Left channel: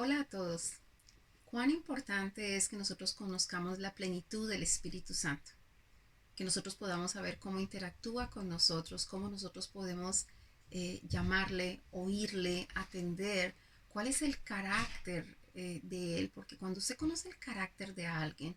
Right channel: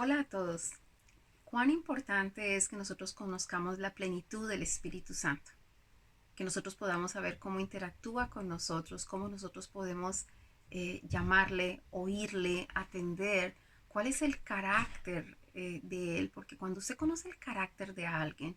Hola a todos. Cuán importante es que nosotros conozcamos la plenitud del Espíritu Santo, que nosotros podamos saber cómo interactúa con nosotros, cómo nosotros podemos llamarle, oírle, atender, cuál es el carácter de él, porque cuando usted conoce el carácter de alguien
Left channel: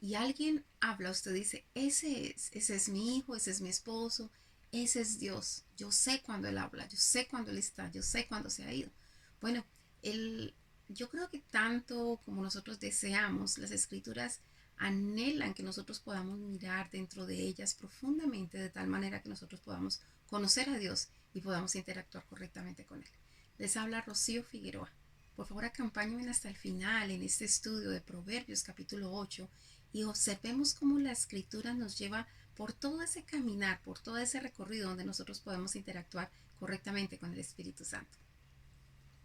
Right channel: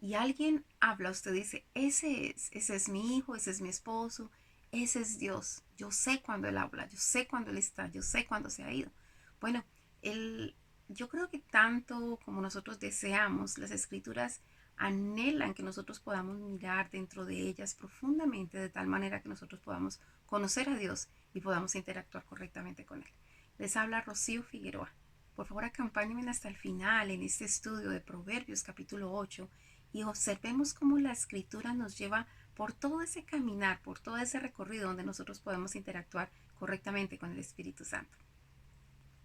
y alguien habla, usted dice, ese es mi hijo, ese es mi esposo, ese es Dios. Yo sé cuando él habla, yo sé cuando él está, yo sé cuando se ha ido. Bueno, él, yo creo que tanto como nosotros deseamos, las escrituras anhelan que nosotros podamos mirar dentro de ellas profundamente de tal manera que nosotros podamos conocer a Dios y podamos interactuar correctamente con Él. Les habla Rocío Figueroa. Por favor, acompáñenme hasta el final en este estudio de Proverbios capítulo 8 y observemos cómo la escritura nos lleva por todo ese caminar, por todo ese recorrido donde nosotros podemos interactuar correctamente con el Espíritu Santo.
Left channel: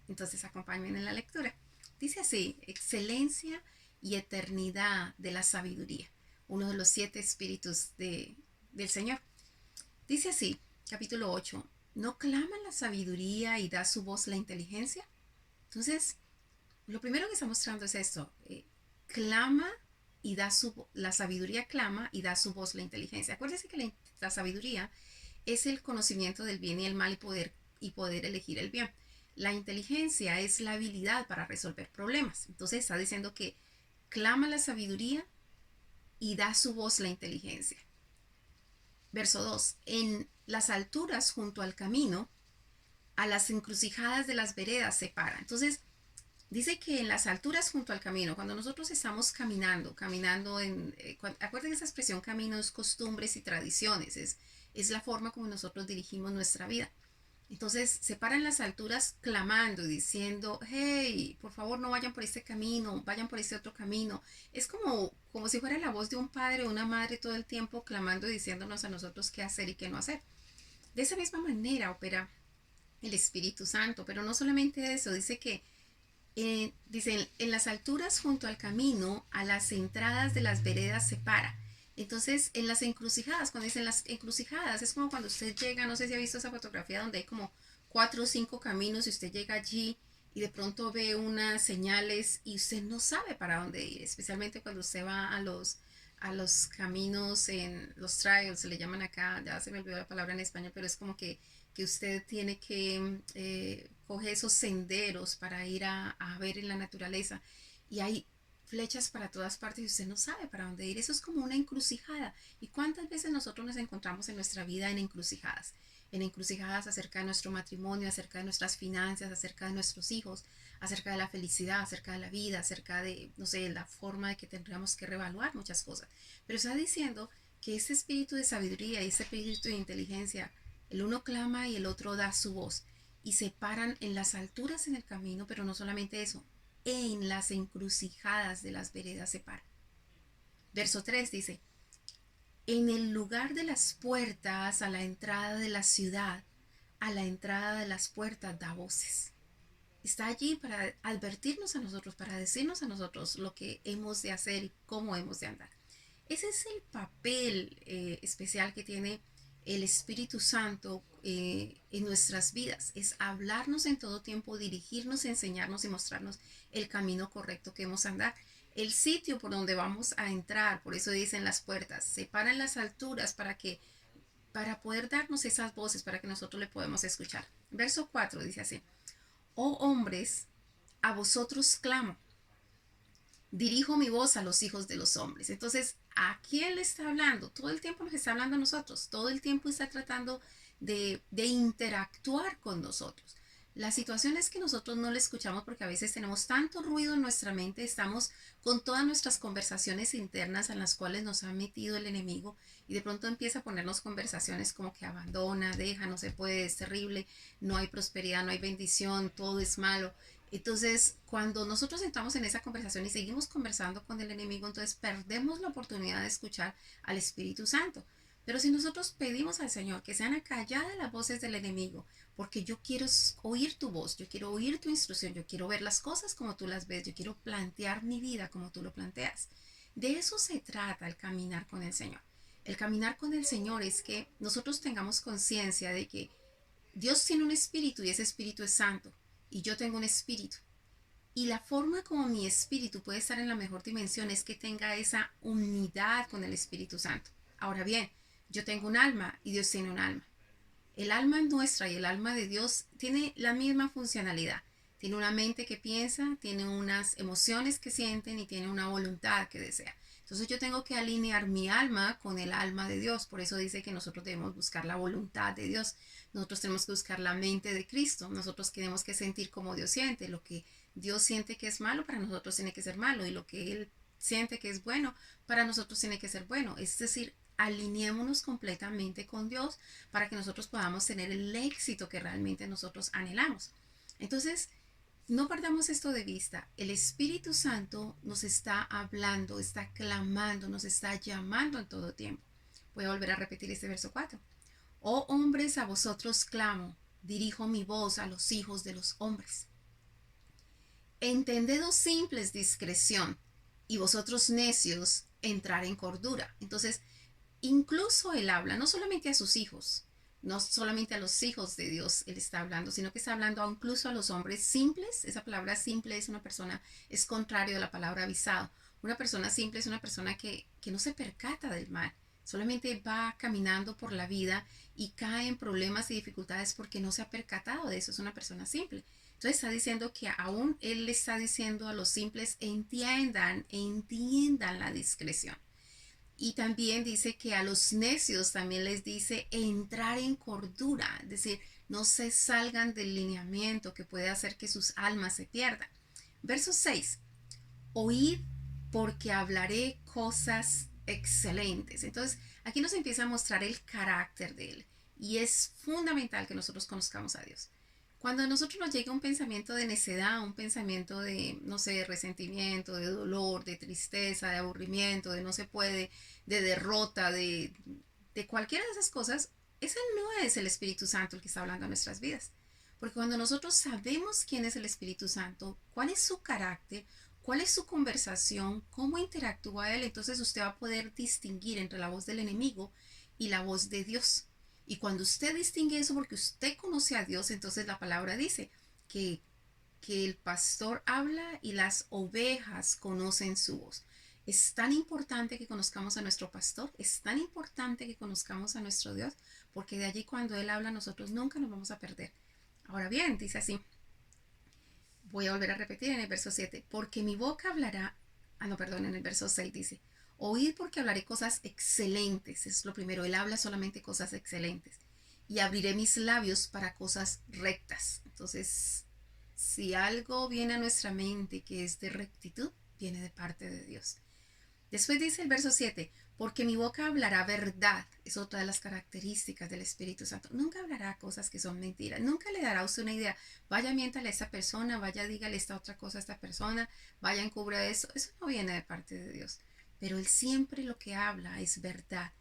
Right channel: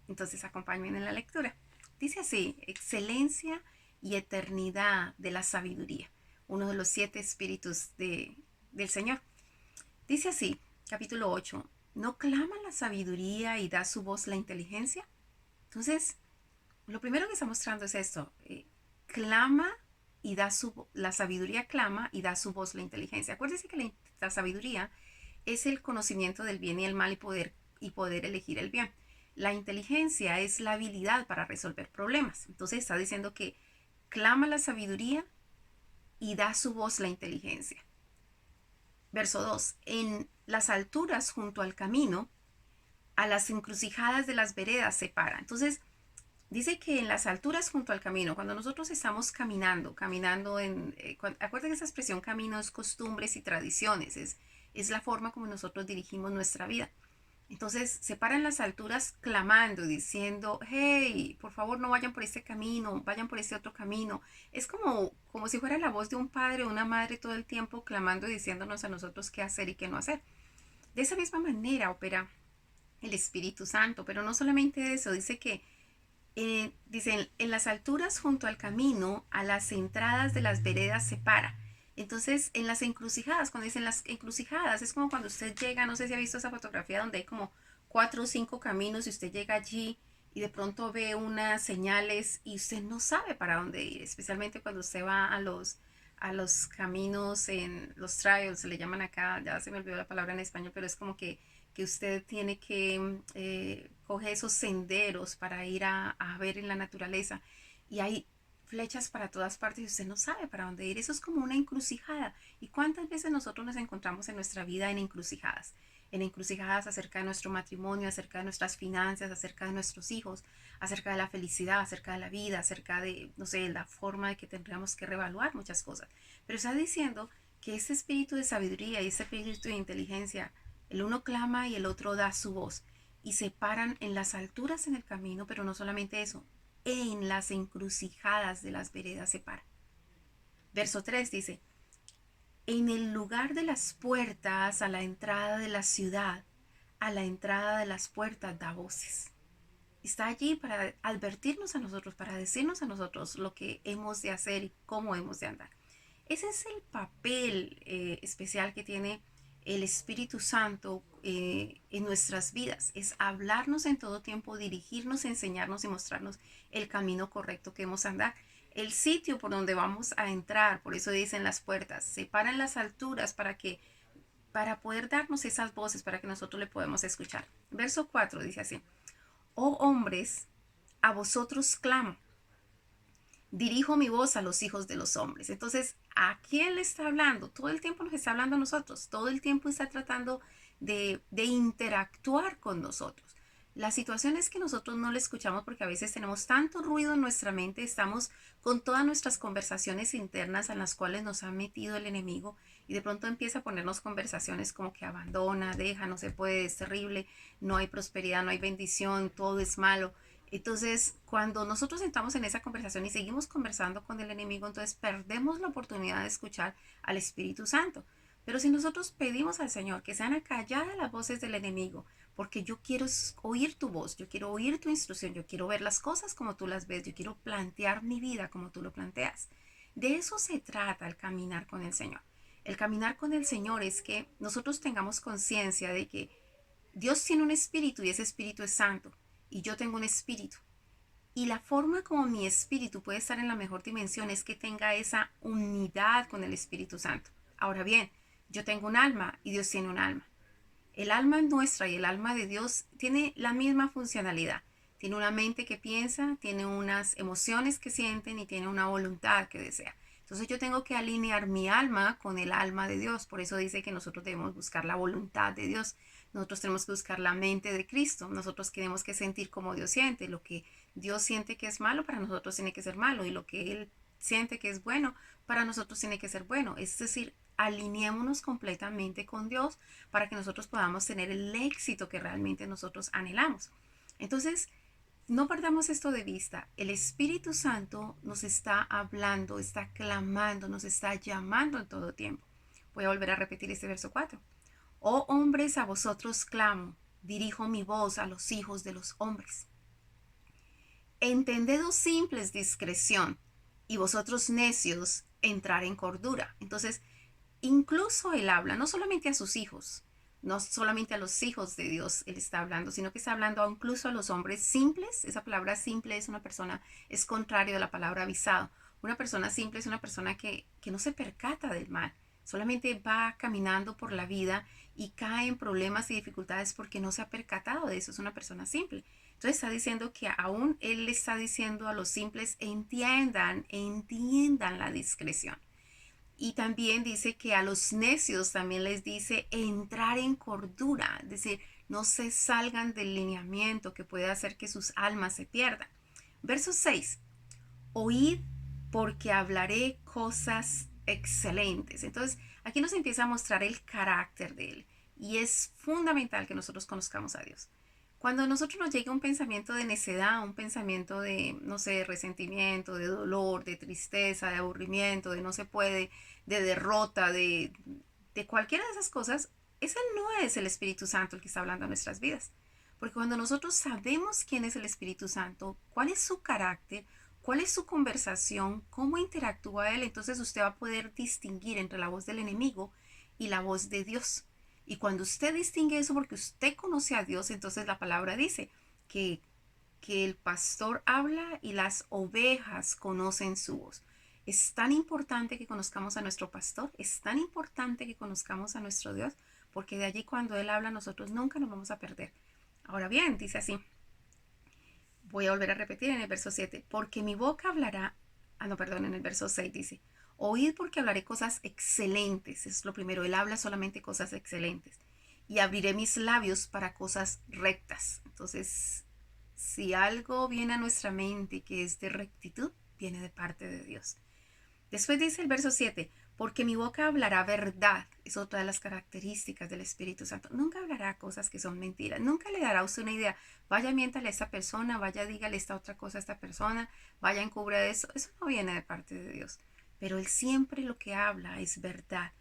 Entonces acompáñenme en la lectura. Dice así, excelencia y eternidad de la sabiduría, uno de los 7 espíritus del Señor. Dice así, capítulo 8, ¿no clama la sabiduría y da su voz la inteligencia? Entonces, lo primero que está mostrando es esto, clama y la sabiduría clama y da su voz la inteligencia. Acuérdense que la sabiduría es el conocimiento del bien y el mal y poder elegir el bien. La inteligencia es la habilidad para resolver problemas. Entonces está diciendo que clama la sabiduría y da su voz la inteligencia. Verso 2. En las alturas junto al camino, a las encrucijadas de las veredas se para. Entonces, dice que en las alturas junto al camino, cuando nosotros estamos caminando acuérdense que esa expresión camino es costumbres y tradiciones, es la forma como nosotros dirigimos nuestra vida. Entonces se paran las alturas clamando y diciendo, hey, por favor no vayan por este camino, vayan por este otro camino. Es como si fuera la voz de un padre o una madre todo el tiempo clamando y diciéndonos a nosotros qué hacer y qué no hacer. De esa misma manera opera el Espíritu Santo, pero no solamente eso, dice que dicen, en las alturas junto al camino, a las entradas de las veredas se para. Entonces, en las encrucijadas, cuando dicen las encrucijadas, es como cuando usted llega, no sé si ha visto esa fotografía donde hay como 4 o 5 caminos y usted llega allí y de pronto ve unas señales y usted no sabe para dónde ir, especialmente cuando usted va a los caminos en los trails, se le llaman acá, ya se me olvidó la palabra en español, pero es como que usted tiene que coger esos senderos para ir a ver en la naturaleza y hay flechas para todas partes y usted no sabe para dónde ir. Eso es como una encrucijada. ¿Y cuántas veces nosotros nos encontramos en nuestra vida en encrucijadas? En encrucijadas acerca de nuestro matrimonio, acerca de nuestras finanzas, acerca de nuestros hijos, acerca de la felicidad, acerca de la vida, acerca de, no sé, la forma de que tendríamos que reevaluar muchas cosas. Pero está diciendo que ese espíritu de sabiduría y ese espíritu de inteligencia, el uno clama y el otro da su voz y se paran en las alturas en el camino, pero no solamente eso, en las encrucijadas de las veredas se paran. Verso 3 dice, en el lugar de las puertas, a la entrada de la ciudad, a la entrada de las puertas da voces. Está allí para advertirnos a nosotros, para decirnos a nosotros lo que hemos de hacer y cómo hemos de andar. Ese es el papel especial que tiene el Espíritu Santo en nuestras vidas. Es hablarnos en todo tiempo, dirigirnos, enseñarnos y mostrarnos el camino correcto que hemos de andar. El sitio por donde vamos a entrar, por eso dicen las puertas, se paran las alturas para poder darnos esas voces, para que nosotros le podamos escuchar. Verso 4 dice así, oh hombres, a vosotros clamo, dirijo mi voz a los hijos de los hombres. Entonces, ¿a quién le está hablando? Todo el tiempo nos está hablando a nosotros, todo el tiempo está tratando de interactuar con nosotros. La situación es que nosotros no le escuchamos porque a veces tenemos tanto ruido en nuestra mente, estamos con todas nuestras conversaciones internas en las cuales nos ha metido el enemigo y de pronto empieza a ponernos conversaciones como que abandona, deja, no se puede, es terrible, no hay prosperidad, no hay bendición, todo es malo. Entonces, cuando nosotros entramos en esa conversación y seguimos conversando con el enemigo, entonces perdemos la oportunidad de escuchar al Espíritu Santo. Pero si nosotros pedimos al Señor que sean acalladas las voces del enemigo, porque yo quiero oír tu voz, yo quiero oír tu instrucción, yo quiero ver las cosas como tú las ves, yo quiero plantear mi vida como tú lo planteas. De eso se trata el caminar con el Señor. El caminar con el Señor es que nosotros tengamos conciencia de que Dios tiene un espíritu y ese espíritu es santo y yo tengo un espíritu. Y la forma como mi espíritu puede estar en la mejor dimensión es que tenga esa unidad con el Espíritu Santo. Ahora bien, yo tengo un alma y Dios tiene un alma. El alma nuestra y el alma de Dios tiene la misma funcionalidad. Tiene una mente que piensa, tiene unas emociones que sienten y tiene una voluntad que desea. Entonces yo tengo que alinear mi alma con el alma de Dios. Por eso dice que nosotros debemos buscar la voluntad de Dios. Nosotros tenemos que buscar la mente de Cristo. Nosotros tenemos que sentir como Dios siente. Lo que Dios siente que es malo para nosotros tiene que ser malo. Y lo que Él siente que es bueno para nosotros tiene que ser bueno. Es decir, alineémonos completamente con Dios para que nosotros podamos tener el éxito que realmente nosotros anhelamos. Entonces, no perdamos esto de vista. El Espíritu Santo nos está hablando, está clamando, nos está llamando en todo tiempo. Voy a volver a repetir este verso 4. Oh hombres, a vosotros clamo, dirijo mi voz a los hijos de los hombres. Entendedos simples discreción, y vosotros necios entrar en cordura. Entonces, incluso Él habla no solamente a sus hijos, no solamente a los hijos de Dios Él está hablando, sino que está hablando incluso a los hombres simples. Esa palabra simple es una persona, es contrario a la palabra avisado. Una persona simple es una persona que no se percata del mal, solamente va caminando por la vida y cae en problemas y dificultades porque no se ha percatado de eso. Es una persona simple. Entonces está diciendo que aún Él le está diciendo a los simples, entiendan la discreción. Y también dice que a los necios también les dice entrar en cordura, es decir, no se salgan del lineamiento que puede hacer que sus almas se pierdan. Verso 6, oíd porque hablaré cosas excelentes. Entonces, aquí nos empieza a mostrar el carácter de Él y es fundamental que nosotros conozcamos a Dios. Cuando a nosotros nos llega un pensamiento de necedad, un pensamiento de, no sé, resentimiento, de dolor, de tristeza, de aburrimiento, de no se puede, de derrota, de cualquiera de esas cosas, ese no es el Espíritu Santo el que está hablando a nuestras vidas. Porque cuando nosotros sabemos quién es el Espíritu Santo, cuál es su carácter, cuál es su conversación, cómo interactúa Él, entonces usted va a poder distinguir entre la voz del enemigo y la voz de Dios. Y cuando usted distingue eso porque usted conoce a Dios, entonces la palabra dice que, que el pastor habla y las ovejas conocen su voz. Es tan importante que conozcamos a nuestro pastor, es tan importante que conozcamos a nuestro Dios, porque de allí cuando Él habla nosotros nunca nos vamos a perder. Ahora bien, dice así, voy a volver a repetir en el verso 7, porque mi boca hablará, no, perdón, en el verso 6 dice, oíd porque hablaré cosas excelentes, es lo primero, Él habla solamente cosas excelentes, y abriré mis labios para cosas rectas. Entonces, si algo viene a nuestra mente que es de rectitud, viene de parte de Dios. Después dice el verso 7, porque mi boca hablará verdad. Es otra de las características del Espíritu Santo. Nunca hablará cosas que son mentiras. Nunca le dará a usted una idea. Vaya, miéntale a esta persona, vaya, dígale esta otra cosa a esta persona, vaya, encubra eso. Eso no viene de parte de Dios. Pero Él siempre lo que habla es verdad.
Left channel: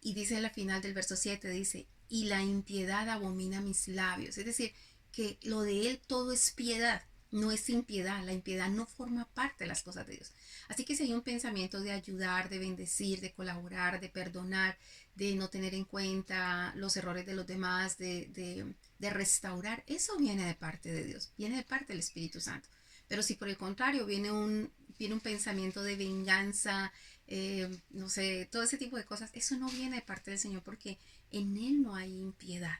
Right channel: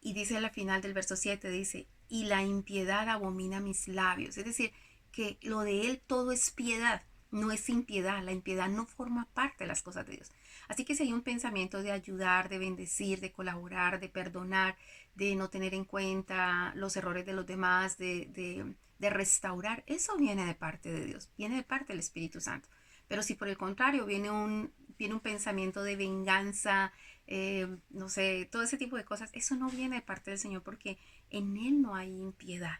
Y dice al final del verso 7, dice, y la impiedad abomina mis labios. Es decir, que lo de Él todo es piedad, no es impiedad. La impiedad no forma parte de las cosas de Dios. Así que si hay un pensamiento de ayudar, de bendecir, de colaborar, de perdonar, de no tener en cuenta los errores de los demás, de restaurar, eso viene de parte de Dios, viene de parte del Espíritu Santo. Pero si por el contrario viene un pensamiento de venganza, no sé, todo ese tipo de cosas, eso no viene de parte del Señor porque en Él no hay impiedad.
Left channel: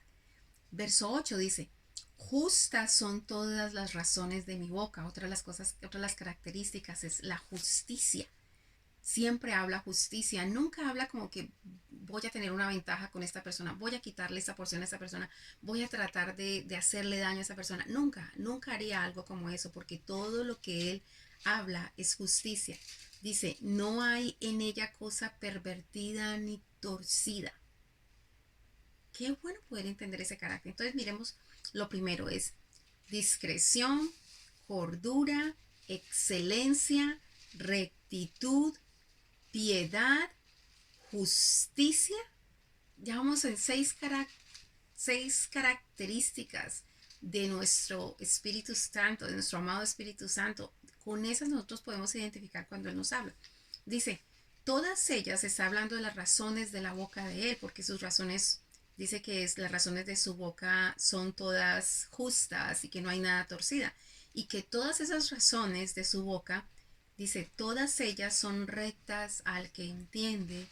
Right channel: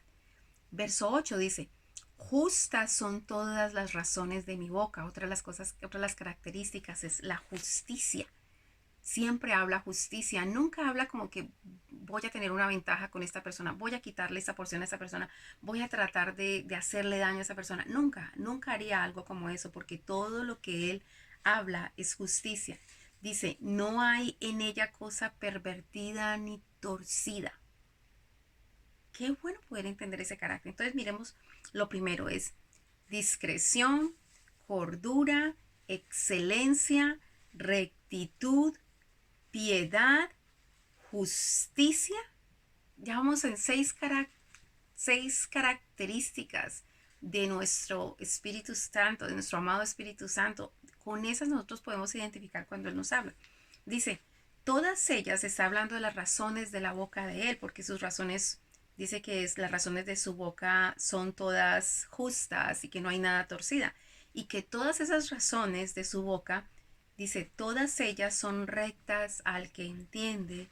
Verso 8 dice, justas son todas las razones de mi boca. Otra de las cosas, otra de las características es la justicia. Siempre habla justicia, nunca habla como que voy a tener una ventaja con esta persona, voy a quitarle esta porción a esta persona, voy a tratar de hacerle daño a esa persona. Nunca, nunca haría algo como eso, porque todo lo que él habla es justicia. Dice, no hay en ella cosa pervertida ni torcida. Qué bueno poder entender ese carácter. Entonces miremos, lo primero es discreción, cordura, excelencia, rectitud, piedad, justicia. Ya vamos en seis características de nuestro Espíritu Santo, de nuestro amado Espíritu Santo. Con esas nosotros podemos identificar cuando Él nos habla. Dice, todas ellas está hablando de las razones de la boca de Él, porque sus razones, dice que las razones de su boca son todas justas y que no hay nada torcida. y que todas esas razones de su boca, dice, todas ellas son rectas al que entiende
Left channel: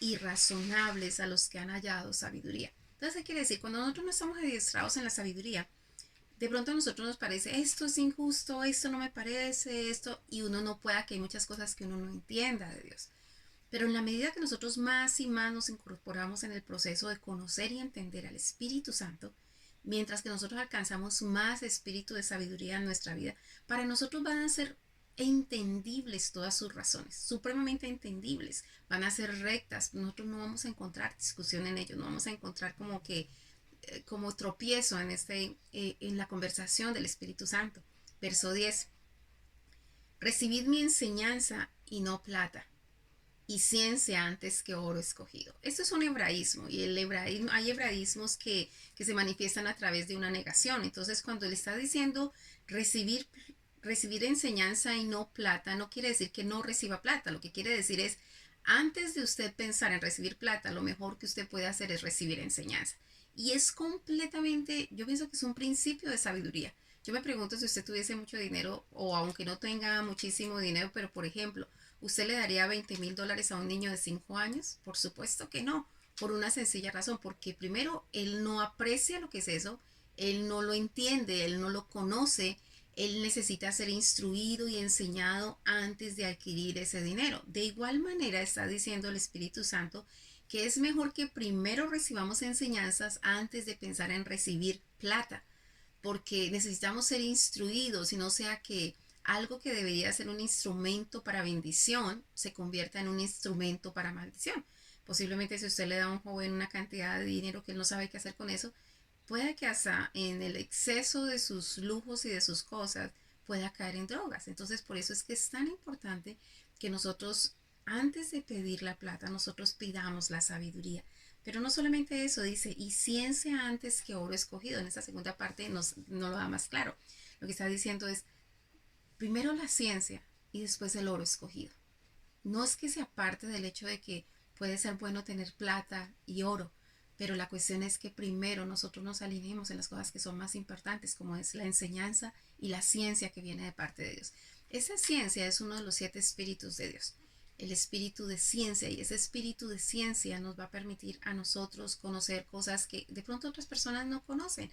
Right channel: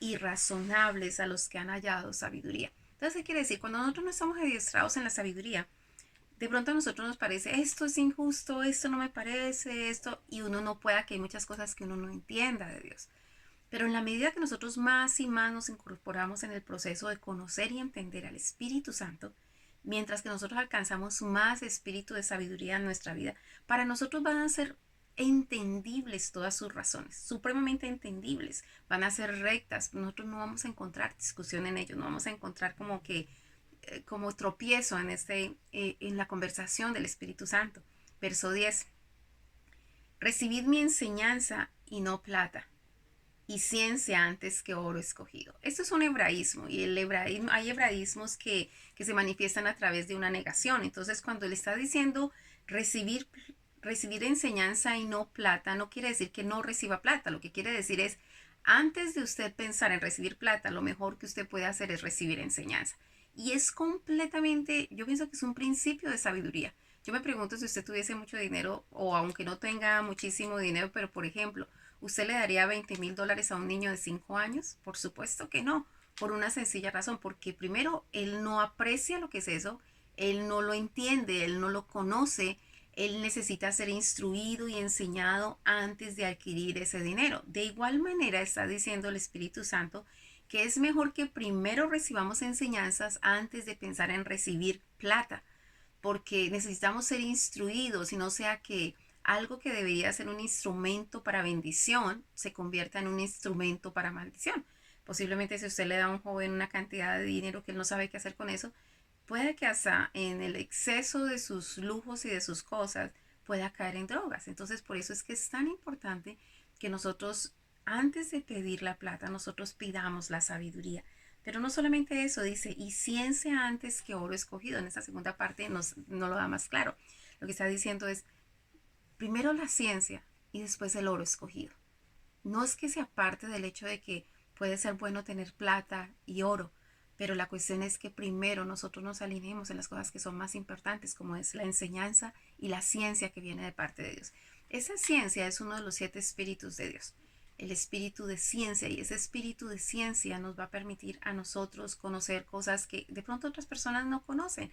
y razonables a los que han hallado sabiduría. Entonces, ¿qué quiere decir? Cuando nosotros no estamos adiestrados en la sabiduría, de pronto a nosotros nos parece, esto es injusto, esto no me parece, esto, y uno no pueda, que hay muchas cosas que uno no entienda de Dios. Pero en la medida que nosotros más y más nos incorporamos en el proceso de conocer y entender al Espíritu Santo, mientras que nosotros alcanzamos más espíritu de sabiduría en nuestra vida, para nosotros van a ser entendibles todas sus razones, supremamente entendibles, van a ser rectas, nosotros no vamos a encontrar discusión en ellos, no vamos a encontrar como que como tropiezo en la conversación del Espíritu Santo. Verso 10. Recibid mi enseñanza y no plata, y ciencia antes que oro escogido. Esto es un hebraísmo, y hay hebraísmos que se manifiestan a través de una negación. Entonces, cuando él está diciendo recibir enseñanza y no plata, no quiere decir que no reciba plata. Lo que quiere decir es, antes de usted pensar en recibir plata, lo mejor que usted puede hacer es recibir enseñanza. Y es completamente, yo pienso que es un principio de sabiduría. Yo me pregunto si usted tuviese mucho dinero, o aunque no tenga muchísimo dinero, pero por ejemplo, ¿usted le daría $20,000 a un niño de 5 años? Por supuesto que no, por una sencilla razón, porque primero él no aprecia lo que es eso, él no lo entiende, él no lo conoce, él necesita ser instruido y enseñado antes de adquirir ese dinero. De igual manera está diciendo el Espíritu Santo que es mejor que primero recibamos enseñanzas antes de pensar en recibir plata, porque necesitamos ser instruidos y no sea que algo que debería ser un instrumento para bendición se convierta en un instrumento para maldición. Posiblemente si usted le da a un joven una cantidad de dinero que él no sabe qué hacer con eso, puede que hasta en el exceso de sus lujos y de sus cosas pueda caer en drogas. Entonces, por eso es que es tan importante que nosotros, antes de pedir la plata, nosotros pidamos la sabiduría. Pero no solamente eso, dice, y ciencia antes que oro escogido. En esta segunda parte nos lo da más claro. Lo que está diciendo es, primero la ciencia y después el oro escogido. No es que se aparte del hecho de que puede ser bueno tener plata y oro, pero la cuestión es que primero nosotros nos alineemos en las cosas que son más importantes, como es la enseñanza y la ciencia que viene de parte de Dios. Esa ciencia es uno de los 7 espíritus de Dios, el espíritu de ciencia, y ese espíritu de ciencia nos va a permitir a nosotros conocer cosas que de pronto otras personas no conocen.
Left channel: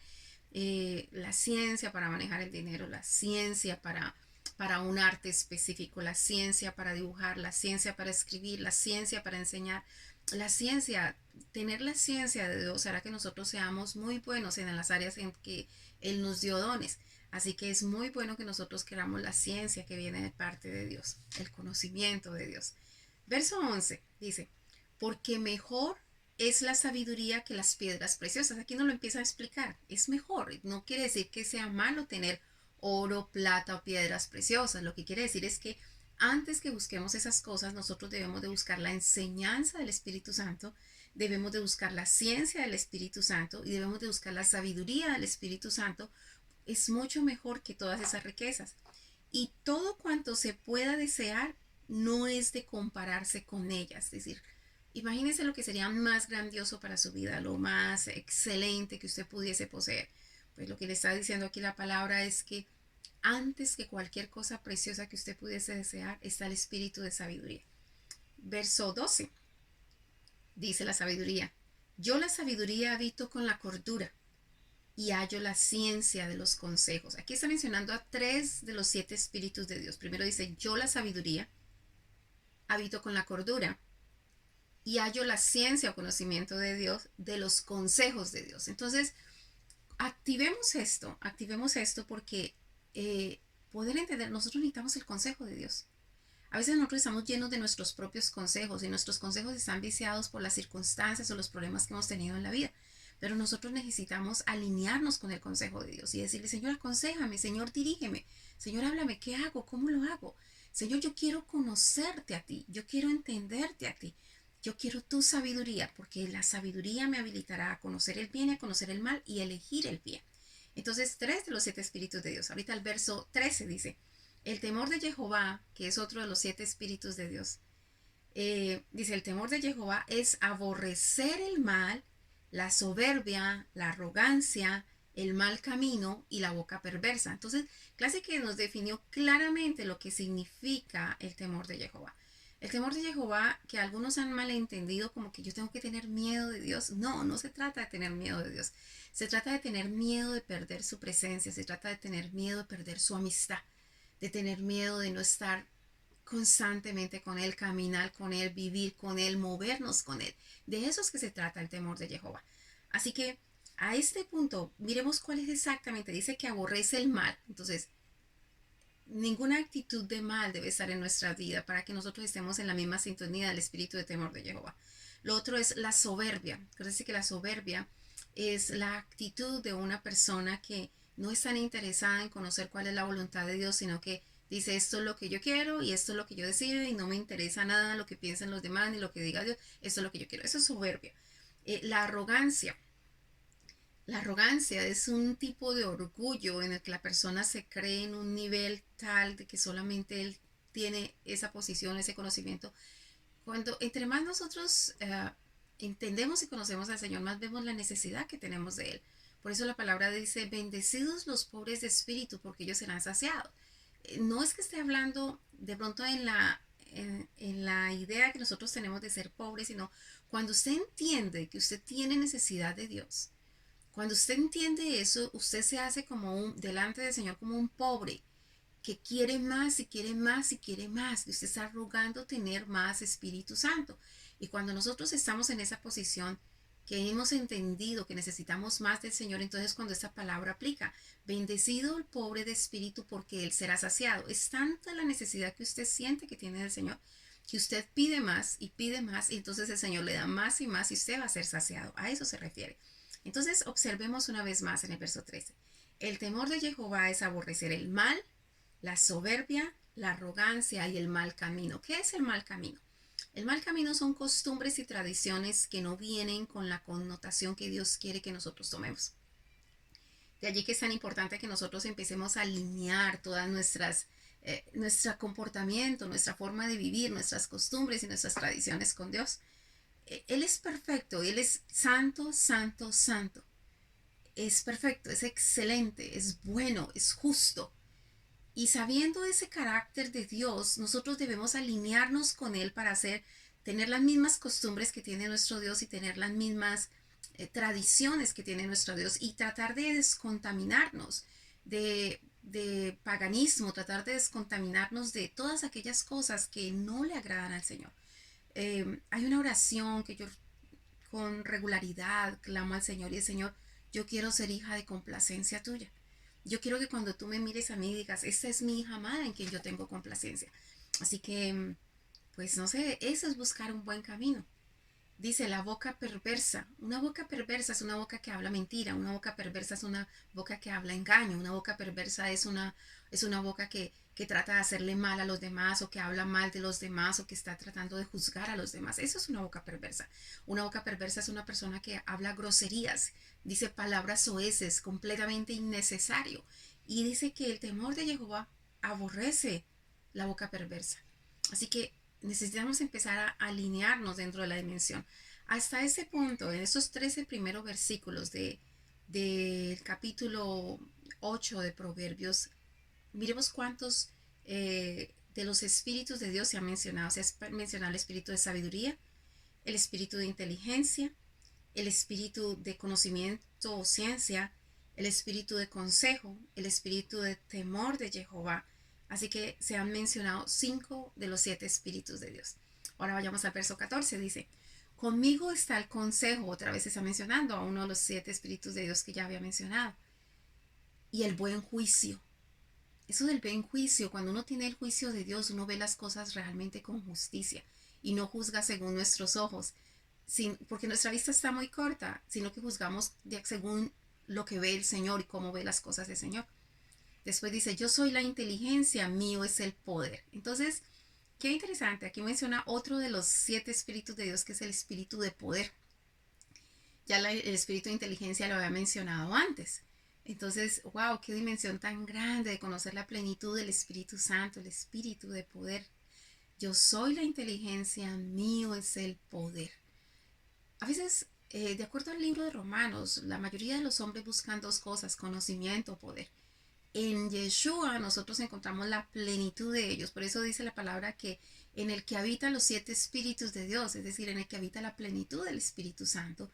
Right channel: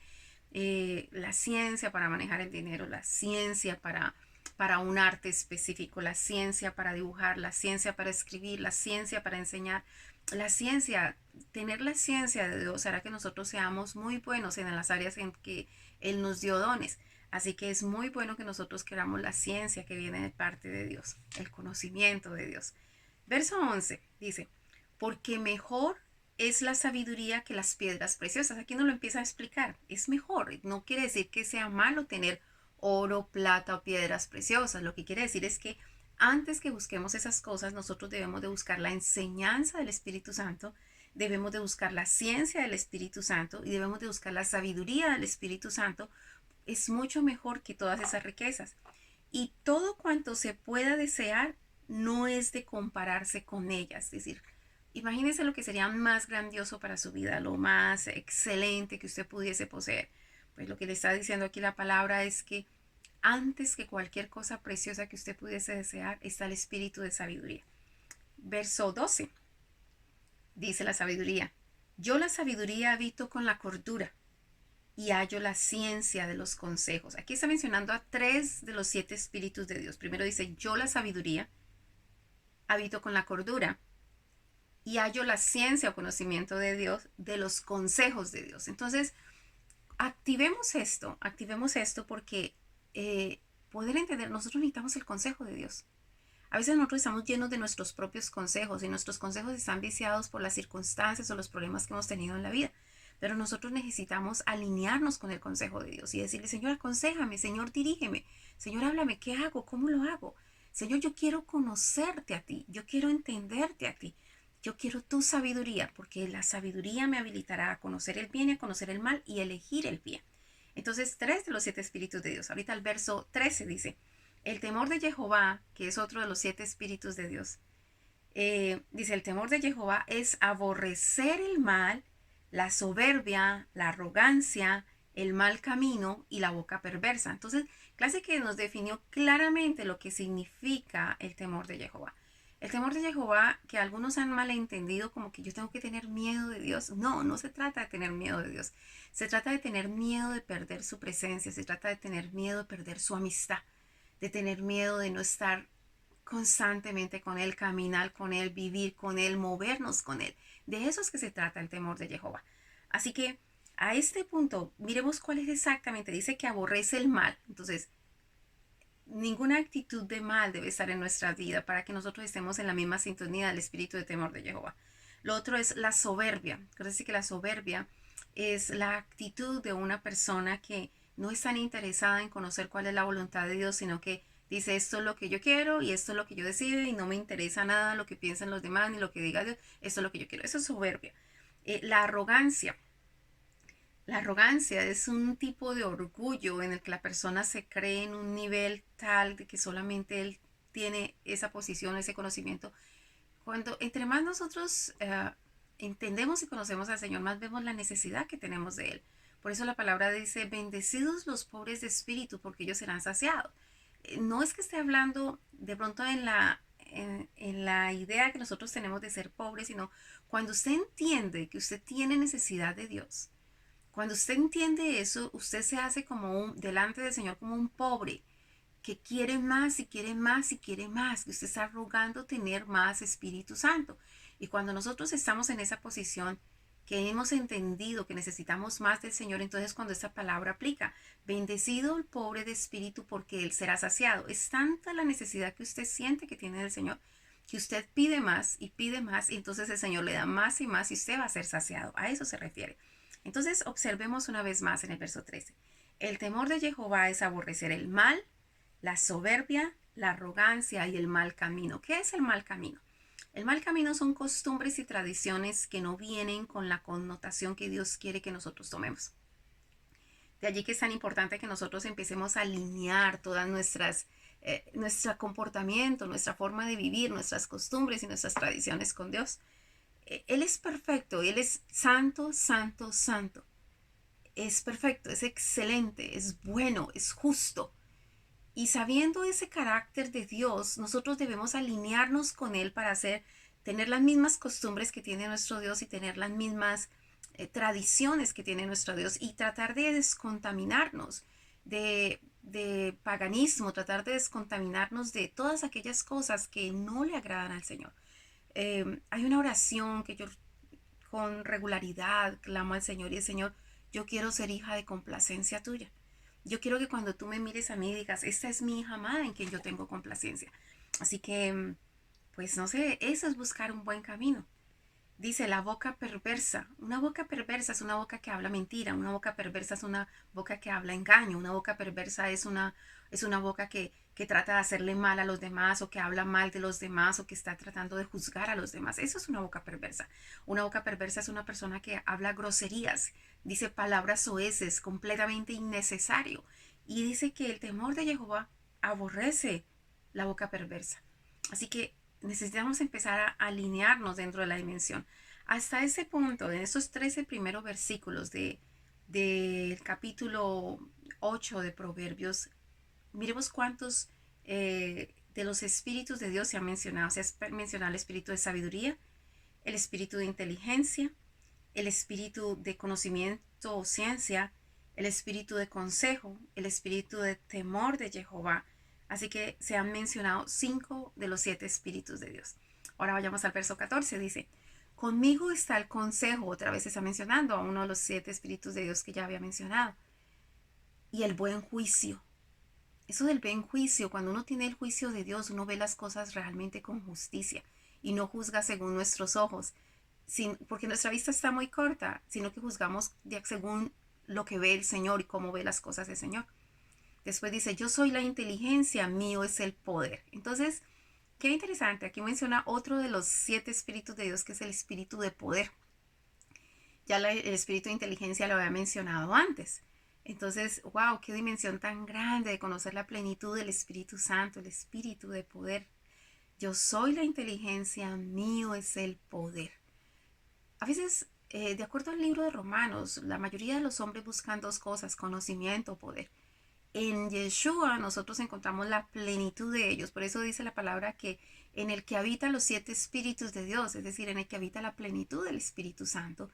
La ciencia para manejar el dinero, la ciencia para un arte específico, la ciencia para dibujar, la ciencia para escribir, la ciencia para enseñar. La ciencia, tener la ciencia de Dios hará que nosotros seamos muy buenos en las áreas en que Él nos dio dones. Así que es muy bueno que nosotros queramos la ciencia que viene de parte de Dios, el conocimiento de Dios. Verso 11 dice, porque mejor es la sabiduría que las piedras preciosas. Aquí nos lo empieza a explicar. Es mejor. No quiere decir que sea malo tener oro, plata o piedras preciosas. Lo que quiere decir es que antes que busquemos esas cosas, nosotros debemos de buscar la enseñanza del Espíritu Santo, debemos de buscar la ciencia del Espíritu Santo y debemos de buscar la sabiduría del Espíritu Santo. Es mucho mejor que todas esas riquezas. Y todo cuanto se pueda desear no es de compararse con ellas. Es decir, imagínese lo que sería más grandioso para su vida, lo más excelente que usted pudiese poseer. Pues lo que le está diciendo aquí la palabra es que antes que cualquier cosa preciosa que usted pudiese desear está el espíritu de sabiduría. Verso 12 dice la sabiduría, yo la sabiduría habito con la cordura y hallo la ciencia de los consejos. Aquí está mencionando a 3 de los 7 espíritus de Dios. Primero dice, yo la sabiduría habito con la cordura y hallo la ciencia o conocimiento de Dios, de los consejos de Dios. Entonces, activemos esto porque poder entender, nosotros necesitamos el consejo de Dios. A veces nosotros estamos llenos de nuestros propios consejos y nuestros consejos están viciados por las circunstancias o los problemas que hemos tenido en la vida. Pero nosotros necesitamos alinearnos con el consejo de Dios y decirle, Señor, aconséjame, Señor, dirígeme, Señor, háblame, ¿qué hago? ¿Cómo lo hago? Señor, yo quiero conocerte a ti, yo quiero entenderte a ti. Yo quiero tu sabiduría, porque la sabiduría me habilitará a conocer el bien y a conocer el mal y elegir el bien. Entonces, 3 de los 7 espíritus de Dios. Ahorita el verso 13 dice, el temor de Jehová, que es otro de los 7 espíritus de Dios, dice, el temor de Jehová es aborrecer el mal, la soberbia, la arrogancia, el mal camino y la boca perversa. Entonces, clase que nos definió claramente lo que significa el temor de Jehová. El temor de Jehová, que algunos han malentendido como que yo tengo que tener miedo de Dios. No, no se trata de tener miedo de Dios. Se trata de tener miedo de perder su presencia. Se trata de tener miedo de perder su amistad. De tener miedo de no estar constantemente con Él, caminar con Él, vivir con Él, movernos con Él. De eso es que se trata el temor de Jehová. Así que a este punto, miremos cuál es exactamente. Dice que aborrece el mal. Entonces, ninguna actitud de mal debe estar en nuestra vida para que nosotros estemos en la misma sintonía del espíritu de temor de Jehová. Lo otro es la soberbia. Quiere decir que la soberbia es la actitud de una persona que no es tan interesada en conocer cuál es la voluntad de Dios, sino que dice esto es lo que yo quiero y esto es lo que yo decido y no me interesa nada lo que piensen los demás ni lo que diga Dios, esto es lo que yo quiero. Eso es soberbia. La arrogancia. La arrogancia es un tipo de orgullo en el que la persona se cree en un nivel tal de que solamente él tiene esa posición, ese conocimiento. Cuando entre más nosotros entendemos y conocemos al Señor, más vemos la necesidad que tenemos de Él. Por eso la palabra dice, bendecidos los pobres de espíritu, porque ellos serán saciados. No es que esté hablando de pronto en la idea que nosotros tenemos de ser pobres, sino cuando usted entiende que usted tiene necesidad de Dios. Cuando usted entiende eso, usted se hace como delante del Señor como un pobre que quiere más y quiere más y quiere más, que usted está rogando tener más Espíritu Santo. Y cuando nosotros estamos en esa posición, que hemos entendido que necesitamos más del Señor, entonces cuando esta palabra aplica, bendecido el pobre de espíritu porque él será saciado. Es tanta la necesidad que usted siente que tiene del Señor, que usted pide más y entonces el Señor le da más y usted va a ser saciado. A eso se refiere. Entonces observemos una vez más en el verso 13. El temor de Jehová es aborrecer el mal, la soberbia, la arrogancia y el mal camino. ¿Qué es el mal camino? El mal camino son costumbres y tradiciones que no vienen con la connotación que Dios quiere que nosotros tomemos. De allí que es tan importante que nosotros empecemos a alinear todas nuestro comportamiento, nuestra forma de vivir, nuestras costumbres y nuestras tradiciones con Dios. Él es perfecto, Él es santo, santo, santo. Es perfecto, es excelente, es bueno, es justo. Y sabiendo ese carácter de Dios, nosotros debemos alinearnos con Él para tener las mismas costumbres que tiene nuestro Dios y tener las mismas tradiciones que tiene nuestro Dios y tratar de descontaminarnos de paganismo, tratar de descontaminarnos de todas aquellas cosas que no le agradan al Señor. Hay una oración que yo con regularidad clamo al Señor y el Señor, yo quiero ser hija de complacencia tuya. Yo quiero que cuando tú me mires a mí digas, esta es mi hija amada en quien yo tengo complacencia. Así que, pues no sé, eso es buscar un buen camino. Dice la boca perversa. Una boca perversa es una boca que habla mentira. Una boca perversa es una boca que habla engaño. Una boca perversa es una boca que trata de hacerle mal a los demás o que habla mal de los demás o que está tratando de juzgar a los demás. Eso es una boca perversa. Una boca perversa es una persona que habla groserías, dice palabras soeces, completamente innecesario. Y dice que el temor de Jehová aborrece la boca perversa. Así que necesitamos empezar a alinearnos dentro de la dimensión. Hasta ese punto, en esos 13 primeros versículos del capítulo 8 de Proverbios, miremos cuántos de los espíritus de Dios se han mencionado. Se ha mencionado el espíritu de sabiduría, el espíritu de inteligencia, el espíritu de conocimiento o ciencia, el espíritu de consejo, el espíritu de temor de Jehová. Así que se han mencionado 5 de los 7 espíritus de Dios. Ahora vayamos al verso 14, dice, conmigo está el consejo, otra vez se está mencionando a uno de los 7 espíritus de Dios que ya había mencionado, y el buen juicio. Eso del buen juicio, cuando uno tiene el juicio de Dios, uno ve las cosas realmente con justicia y no juzga según nuestros ojos, porque nuestra vista está muy corta, sino que juzgamos según lo que ve el Señor y cómo ve las cosas del Señor. Después dice, yo soy la inteligencia, mío es el poder. Entonces, qué interesante, aquí menciona otro de los 7 espíritus de Dios, que es el espíritu de poder. Ya el espíritu de inteligencia lo había mencionado antes. Entonces, wow, qué dimensión tan grande de conocer la plenitud del Espíritu Santo, el espíritu de poder. Yo soy la inteligencia, mío es el poder. A veces, de acuerdo al libro de Romanos, la mayoría de los hombres buscan 2 cosas, conocimiento o poder. En Yeshua nosotros encontramos la plenitud de ellos. Por eso dice la palabra que en el que habitan los 7 espíritus de Dios, es decir, en el que habita la plenitud del Espíritu Santo,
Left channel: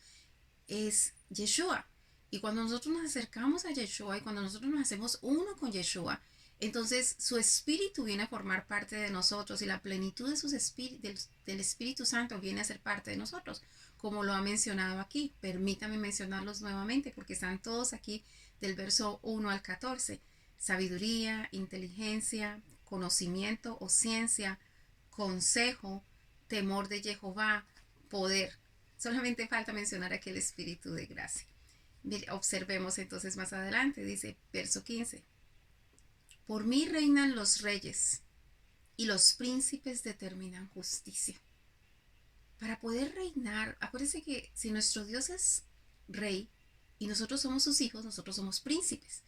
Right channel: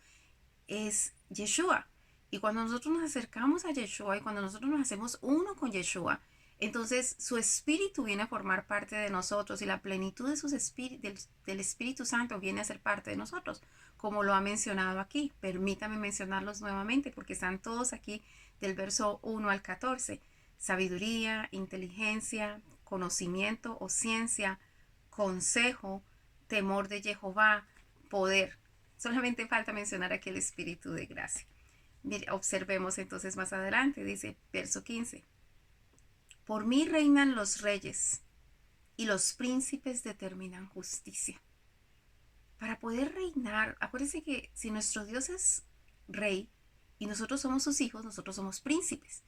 es Yeshua. Y cuando nosotros nos acercamos a Yeshua y cuando nosotros nos hacemos uno con Yeshua, entonces su espíritu viene a formar parte de nosotros y la plenitud de del Espíritu Santo viene a ser parte de nosotros, como lo ha mencionado aquí. Permítame mencionarlos nuevamente porque están todos aquí del verso 1 al 14. Sabiduría, inteligencia, conocimiento o ciencia, consejo, temor de Jehová, poder. Solamente falta mencionar aquí el espíritu de gracia. Mire, observemos entonces más adelante, dice verso 15. Por mí reinan los reyes y los príncipes determinan justicia. Para poder reinar, acuérdense que si nuestro Dios es rey y nosotros somos sus hijos, nosotros somos príncipes.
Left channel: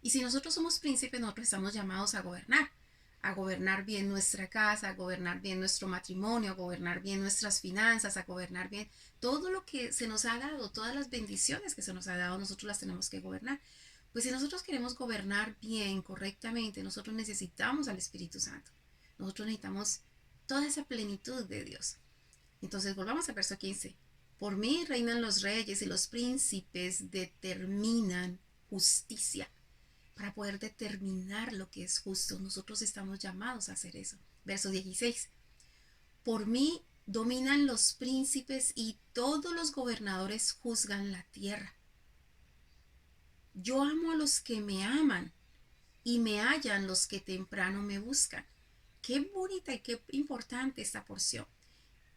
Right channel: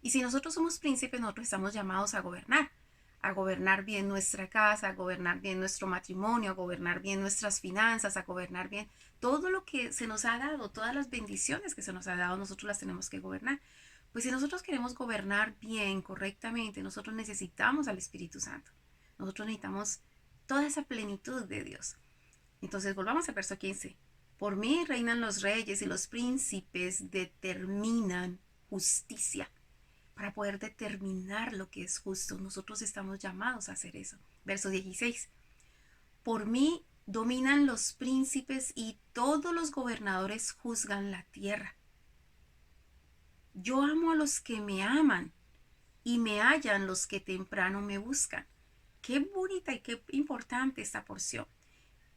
Y si nosotros somos príncipes, nosotros estamos llamados a gobernar bien nuestra casa, a gobernar bien nuestro matrimonio, a gobernar bien nuestras finanzas, a gobernar bien todo lo que se nos ha dado, todas las bendiciones que se nos ha dado, nosotros las tenemos que gobernar. Pues si nosotros queremos gobernar bien, correctamente, nosotros necesitamos al Espíritu Santo. Nosotros necesitamos toda esa plenitud de Dios. Entonces volvamos al verso 15. Por mí reinan los reyes y los príncipes determinan justicia. Para poder determinar lo que es justo, nosotros estamos llamados a hacer eso. Verso 16. Por mí dominan los príncipes y todos los gobernadores juzgan la tierra. Yo amo a los que me aman y me hallan los que temprano me buscan. Qué bonita y qué importante esta porción.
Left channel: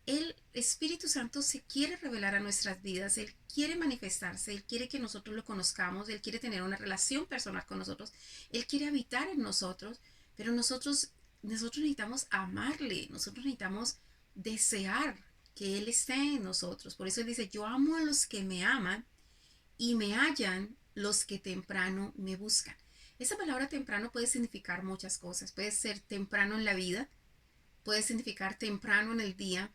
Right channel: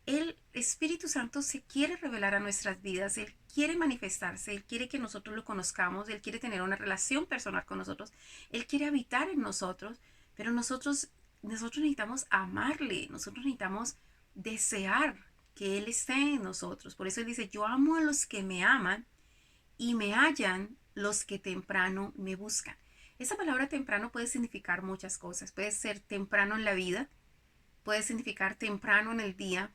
El Espíritu Santo se quiere revelar a nuestras vidas, Él quiere manifestarse, Él quiere que nosotros lo conozcamos, Él quiere tener una relación personal con nosotros, Él quiere habitar en nosotros, pero nosotros necesitamos amarle, nosotros necesitamos desear que Él esté en nosotros. Por eso Él dice, yo amo a los que me aman y me hallan los que temprano me buscan. Esa palabra temprano puede significar muchas cosas, puede ser temprano en la vida, puede significar temprano en el día,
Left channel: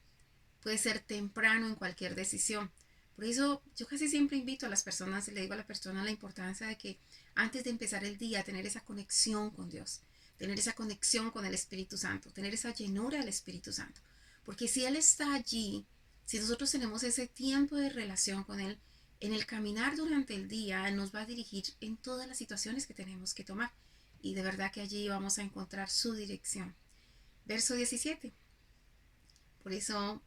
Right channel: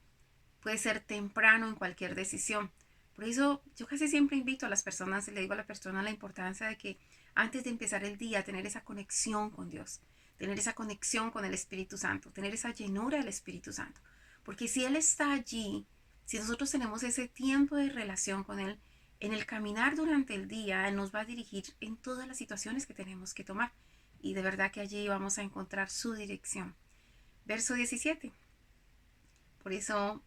puede ser temprano en cualquier decisión. Por eso yo casi siempre invito a las personas, le digo a la persona la importancia de que antes de empezar el día, tener esa conexión con Dios, tener esa conexión con el Espíritu Santo, tener esa llenura del Espíritu Santo. Porque si Él está allí, si nosotros tenemos ese tiempo de relación con Él, en el caminar durante el día, Él nos va a dirigir en todas las situaciones que tenemos que tomar. Y de verdad que allí vamos a encontrar su dirección. Verso 17. Por eso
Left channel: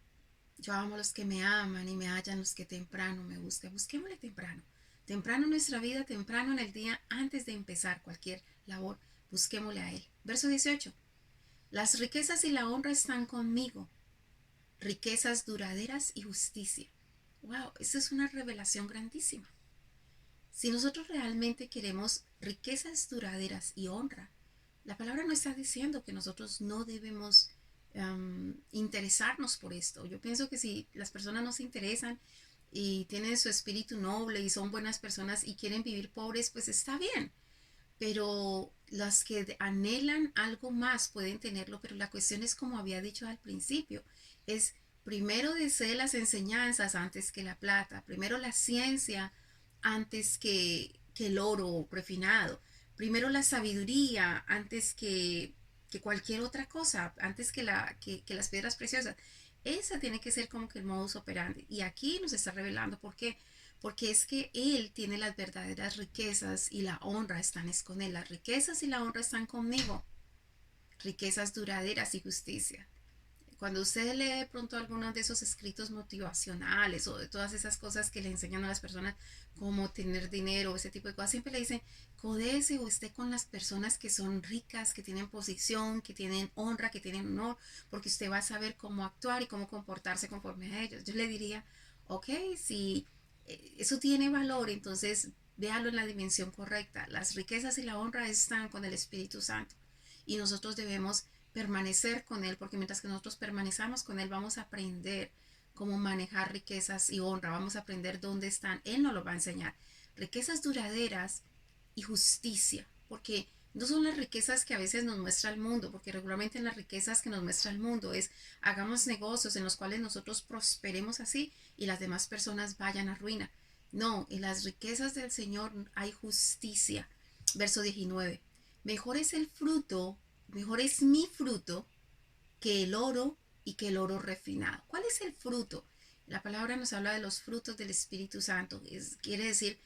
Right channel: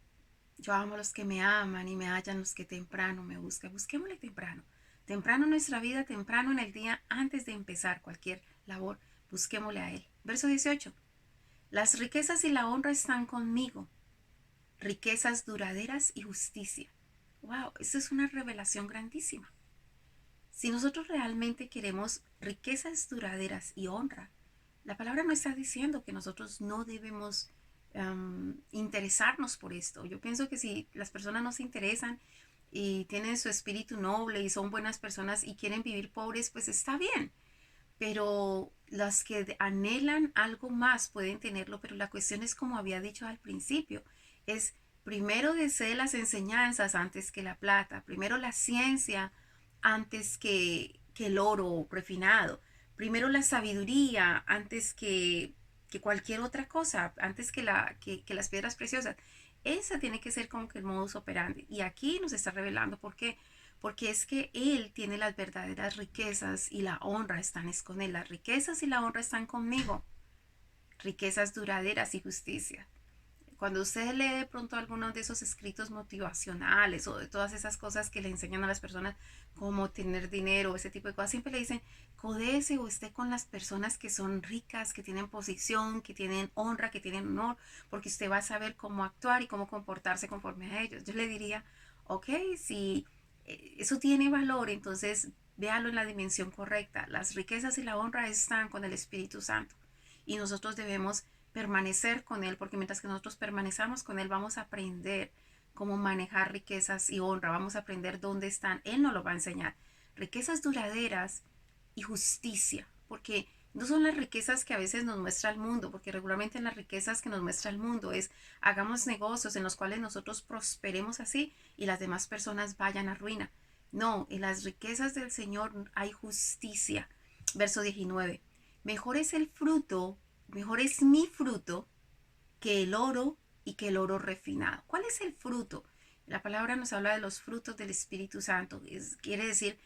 yo amo a los que me aman y me hallan los que temprano me buscan. Busquémosle temprano. Temprano en nuestra vida, temprano en el día, antes de empezar cualquier labor, busquémosle a Él. Verso 18. Las riquezas y la honra están conmigo. Riquezas duraderas y justicia. Wow, eso es una revelación grandísima. Si nosotros realmente queremos riquezas duraderas y honra, la palabra no está diciendo que nosotros no debemos interesarnos por esto. Yo pienso que si las personas no se interesan y tienen su espíritu noble y son buenas personas y quieren vivir pobres, pues está bien. Pero las que anhelan algo más pueden tenerlo, pero la cuestión es como había dicho al principio, es primero desee las enseñanzas antes que la plata, primero la ciencia antes que el oro refinado, primero la sabiduría antes que cualquier otra cosa, antes que las piedras preciosas. Esa tiene que ser como que el modus operandi. Y aquí nos está revelando por qué. Porque es que Él tiene las verdaderas riquezas y la honra están con Él. Las riquezas y la honra están conmigo. Riquezas duraderas y justicia. Cuando usted lee de pronto algunos de esos escritos motivacionales o de todas esas cosas que le enseñan a las personas cómo tener dinero, ese tipo de cosas, siempre le dicen, codece o esté con las personas que son ricas, que tienen posición, que tienen honra, que tienen honor, porque usted va a saber cómo actuar y cómo comportarse conforme a ellos. Yo le diría, ok, si eso tiene valor, entonces véalo en la dimensión correcta. Las riquezas y la honra están con el Espíritu Santo y nosotros debemos permanecer con Él, porque mientras que nosotros permanezcamos con Él, vamos a aprender cómo manejar riquezas y honra, vamos a aprender dónde están, Él nos lo va a enseñar. Riquezas duraderas y justicia, porque no son las riquezas que a veces nos muestra el mundo, porque regularmente las riquezas que nos muestra el mundo es hagamos negocios en los cuales nosotros prosperemos así y las demás personas vayan a ruina. No, en las riquezas del Señor hay justicia, Verso 19. Mejor es el fruto, mejor es mi fruto que el oro y que el oro refinado. ¿Cuál es el fruto? La palabra nos habla de los frutos del Espíritu Santo. Quiere decir,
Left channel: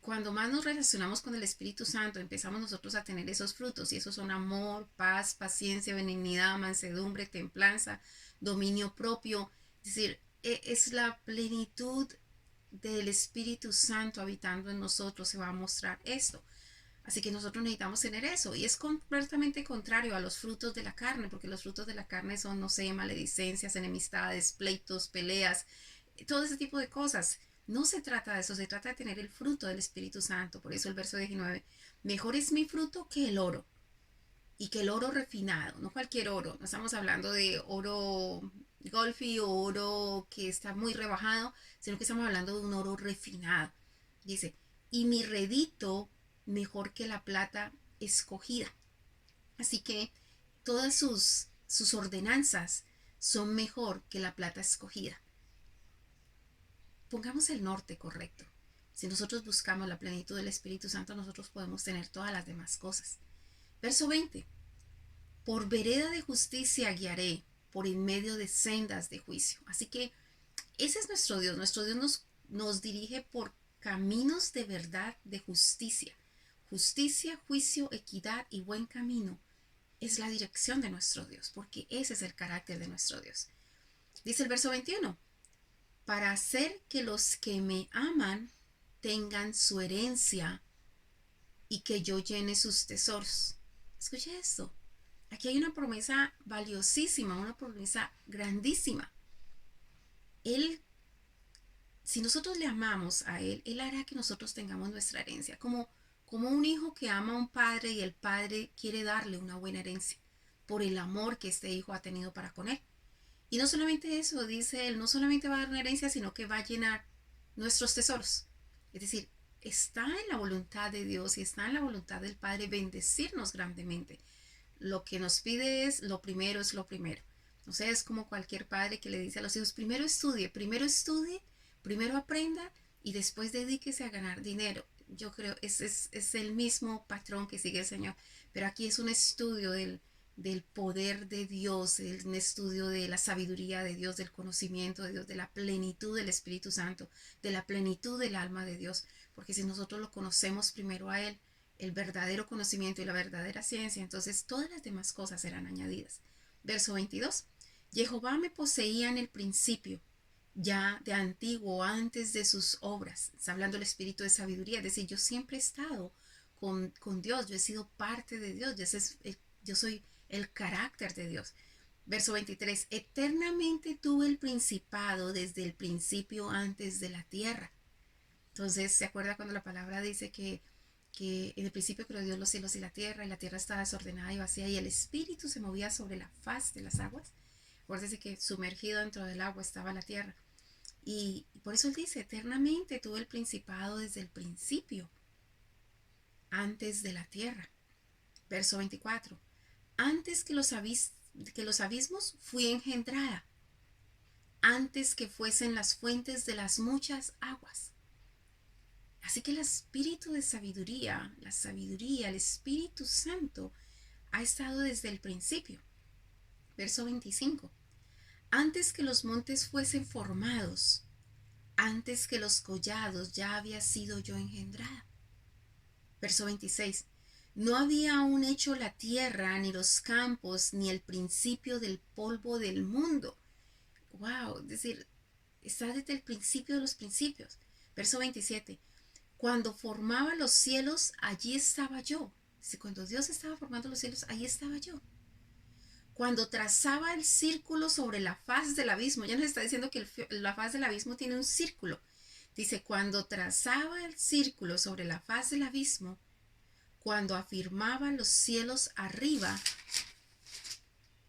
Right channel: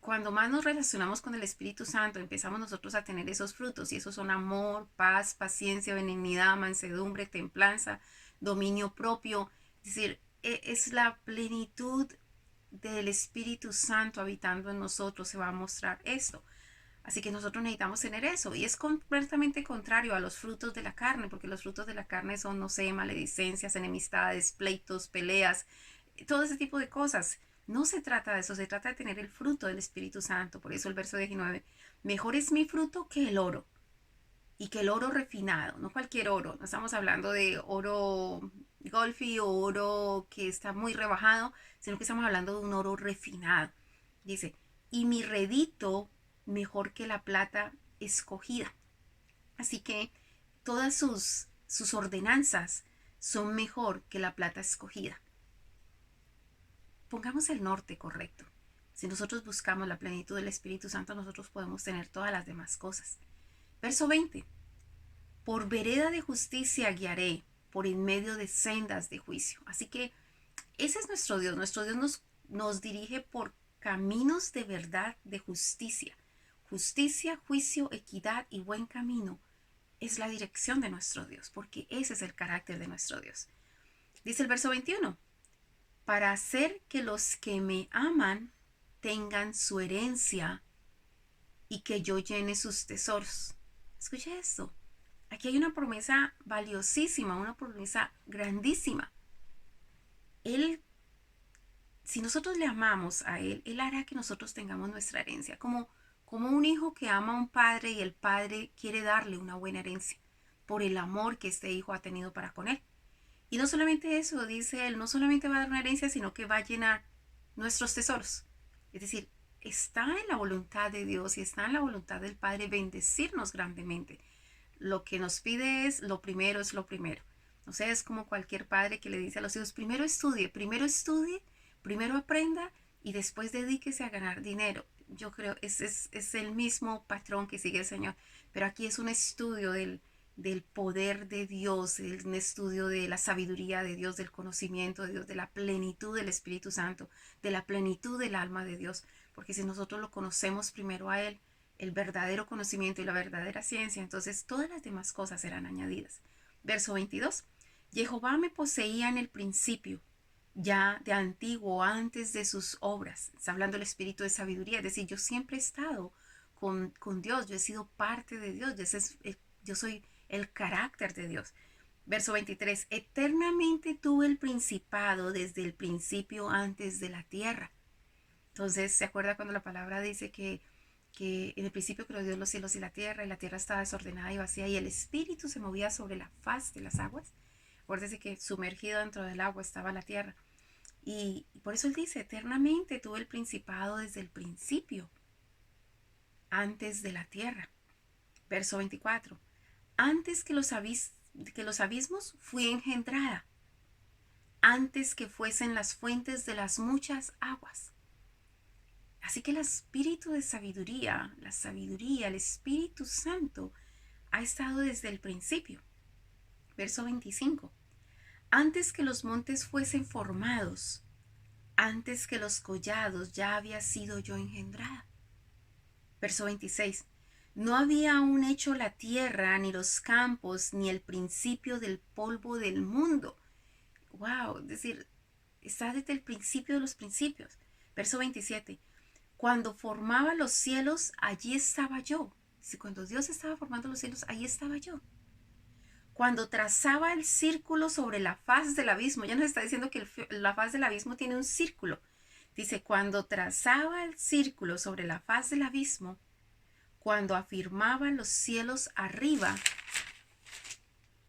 cuando más nos relacionamos con el Espíritu Santo, empezamos nosotros a tener esos frutos. Y esos son amor, paz, paciencia, benignidad, mansedumbre, templanza, dominio propio. Es decir, es la plenitud del Espíritu Santo habitando en nosotros. Se va a mostrar esto. Así que nosotros necesitamos tener eso. Y es completamente contrario a los frutos de la carne, porque los frutos de la carne son, no sé, maledicencias, enemistades, pleitos, peleas, todo ese tipo de cosas. No se trata de eso, se trata de tener el fruto del Espíritu Santo. Por eso el verso 19, mejor es mi fruto que el oro, y que el oro refinado, no cualquier oro. No estamos hablando de oro golfi o oro que está muy rebajado, sino que estamos hablando de un oro refinado. Dice, y mi redito mejor que la plata escogida. Así que todas sus ordenanzas son mejor que la plata escogida. Pongamos el norte correcto. Si nosotros buscamos la plenitud del Espíritu Santo, nosotros podemos tener todas las demás cosas. Verso 20. Por vereda de justicia guiaré, por en medio de sendas de juicio. Así que ese es nuestro Dios. Nuestro Dios nos dirige por caminos de verdad, de justicia. Justicia, juicio, equidad y buen camino es la dirección de nuestro Dios, porque ese es el carácter de nuestro Dios. Dice el verso 21, para hacer que los que me aman tengan su herencia y que yo llene sus tesoros. Escucha esto. Aquí hay una promesa valiosísima, una promesa grandísima. Él, si nosotros le amamos a Él, Él hará que nosotros tengamos nuestra herencia, como un hijo que ama a un padre y el padre quiere darle una buena herencia por el amor que este hijo ha tenido para con él. Y no solamente eso, dice Él, no solamente va a dar una herencia, sino que va a llenar nuestros tesoros. Es decir, está en la voluntad de Dios y está en la voluntad del Padre bendecirnos grandemente. Lo que nos pide es lo primero, es lo primero. O sea, es como cualquier padre que le dice a los hijos, primero estudie, primero aprenda y después dedíquese a ganar dinero. Yo creo es el mismo patrón que sigue el Señor, pero aquí es un estudio del poder de Dios, un estudio de la sabiduría de Dios, del conocimiento de Dios, de la plenitud del Espíritu Santo, de la plenitud del alma de Dios, porque si nosotros lo conocemos primero a Él, el verdadero conocimiento y la verdadera ciencia, entonces todas las demás cosas serán añadidas. Verso 22. Jehová me poseía en el principio, ya de antiguo, antes de sus obras. Está hablando el espíritu de sabiduría, es decir, yo siempre he estado con Dios, yo he sido parte de Dios, yo soy el carácter de Dios. Verso 23. Eternamente tuve el principado desde el principio antes de la tierra. Entonces, ¿se acuerda cuando la palabra dice que en el principio creó Dios los cielos y la tierra estaba desordenada y vacía y el espíritu se movía sobre la faz de las aguas? Acuérdese que sumergido dentro del agua estaba la tierra. Y por eso él dice, eternamente tuve el principado desde el principio, antes de la tierra. Verso 24. Antes que los abismos fui engendrada, antes que fuesen las fuentes de las muchas aguas. Así que el espíritu de sabiduría, el Espíritu Santo, ha estado desde el principio. Verso 25. Antes que los montes fuesen formados, antes que los collados, ya había sido yo engendrada. Verso 26. No había aún hecho la tierra, ni los campos, ni el principio del polvo del mundo. Wow, es decir, está desde el principio de los principios. Verso 27. Cuando formaba los cielos, allí estaba yo. Cuando Dios estaba formando los cielos, allí estaba yo. Cuando trazaba el círculo sobre la faz del abismo, ya nos está diciendo que la faz del abismo tiene un círculo. Dice, cuando trazaba el círculo sobre la faz del abismo, cuando afirmaba los cielos arriba,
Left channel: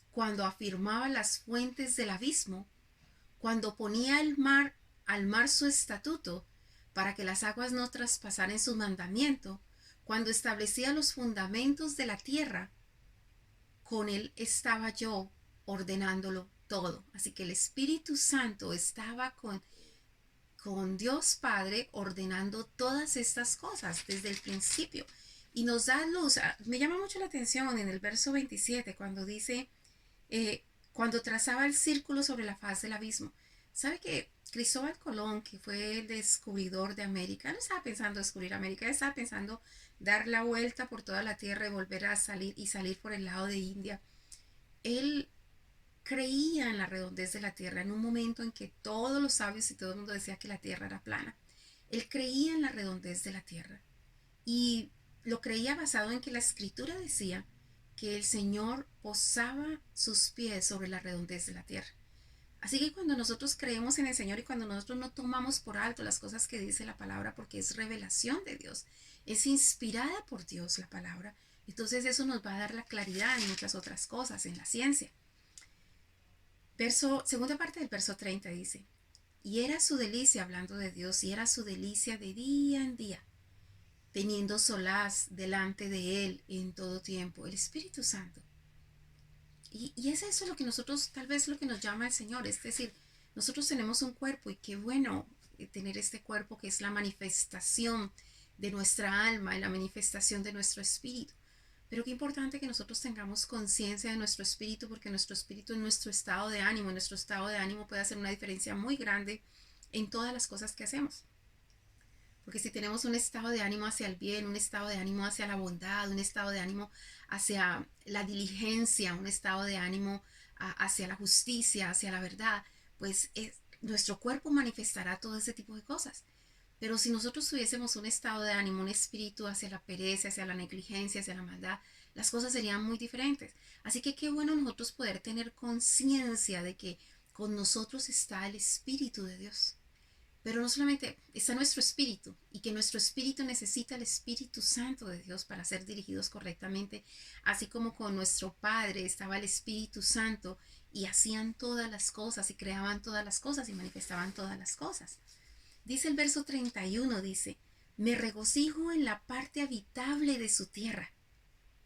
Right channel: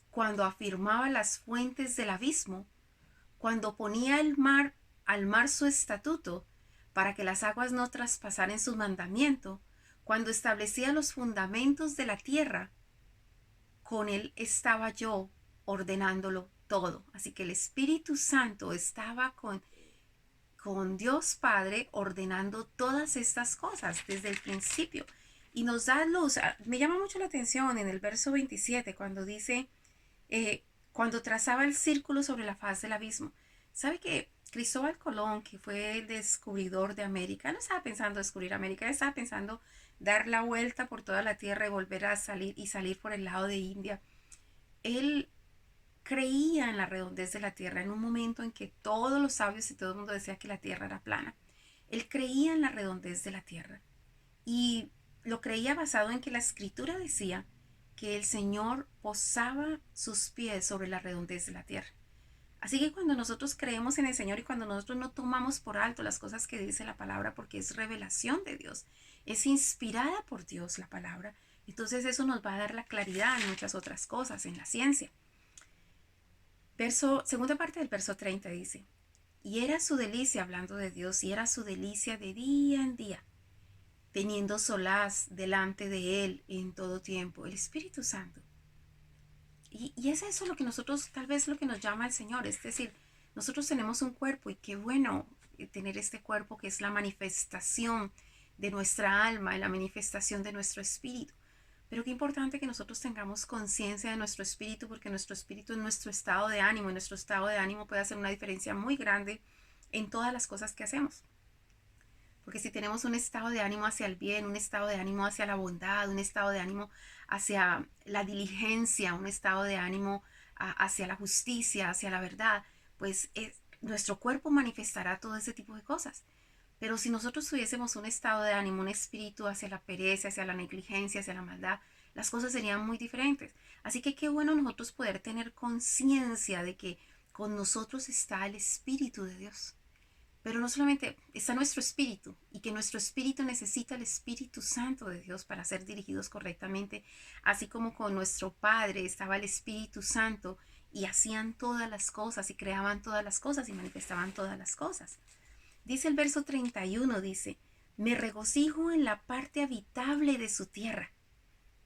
cuando afirmaba las fuentes del abismo, cuando ponía al mar su estatuto, para que las aguas no traspasaran su mandamiento, cuando establecía los fundamentos de la tierra, con él estaba yo ordenándolo todo. Así que el Espíritu Santo estaba con Dios Padre ordenando todas estas cosas desde el principio. y nos da luz. Me llama mucho la atención en el verso 27 cuando dice, cuando trazaba el círculo sobre la faz del abismo. ¿Sabe que Cristóbal Colón, que fue el descubridor de América, no estaba pensando descubrir América, estaba pensando dar la vuelta por toda la tierra y volver a salir por el lado de India? Él creía en la redondez de la tierra en un momento en que todos los sabios y todo el mundo decía que la tierra era plana. Él creía en la redondez de la tierra y lo creía basado en que la escritura decía que el Señor posaba sus pies sobre la redondez de la tierra. Así que cuando nosotros creemos en el Señor y cuando nosotros no tomamos por alto las cosas que dice la palabra porque es revelación de Dios, es inspirada por Dios la palabra, entonces eso nos va a dar la claridad en muchas otras cosas, en la ciencia. Segunda parte del verso 30 dice, y era su delicia, hablando de Dios, y era su delicia de día en día, teniendo solaz delante de Él en todo tiempo, el Espíritu Santo. Y es eso lo que nosotros, tal vez lo que nos llama el Señor, es decir, nosotros tenemos un cuerpo y qué bueno tener este cuerpo que es la manifestación de nuestra alma y la manifestación de nuestro espíritu. Pero qué importante que nosotros tengamos conciencia de nuestro espíritu, porque nuestro espíritu es nuestro estado de ánimo, y nuestro estado de ánimo puede hacer una diferencia muy grande en todas las cosas que hacemos. Porque si tenemos un estado de ánimo hacia el bien, un estado de ánimo hacia la bondad, un estado de ánimo hacia la diligencia, un estado de ánimo hacia la justicia, hacia la verdad, pues nuestro cuerpo manifestará todo ese tipo de cosas. Pero si nosotros tuviésemos un estado de ánimo, un espíritu hacia la pereza, hacia la negligencia, hacia la maldad, las cosas serían muy diferentes. Así que qué bueno nosotros poder tener conciencia de que con nosotros está el Espíritu de Dios. Pero no solamente está nuestro espíritu y que nuestro espíritu necesita el Espíritu Santo de Dios para ser dirigidos correctamente, así como con nuestro Padre estaba el Espíritu Santo y hacían todas las cosas y creaban todas las cosas y manifestaban todas las cosas. Dice el verso 31, dice, me regocijo en la parte habitable de su tierra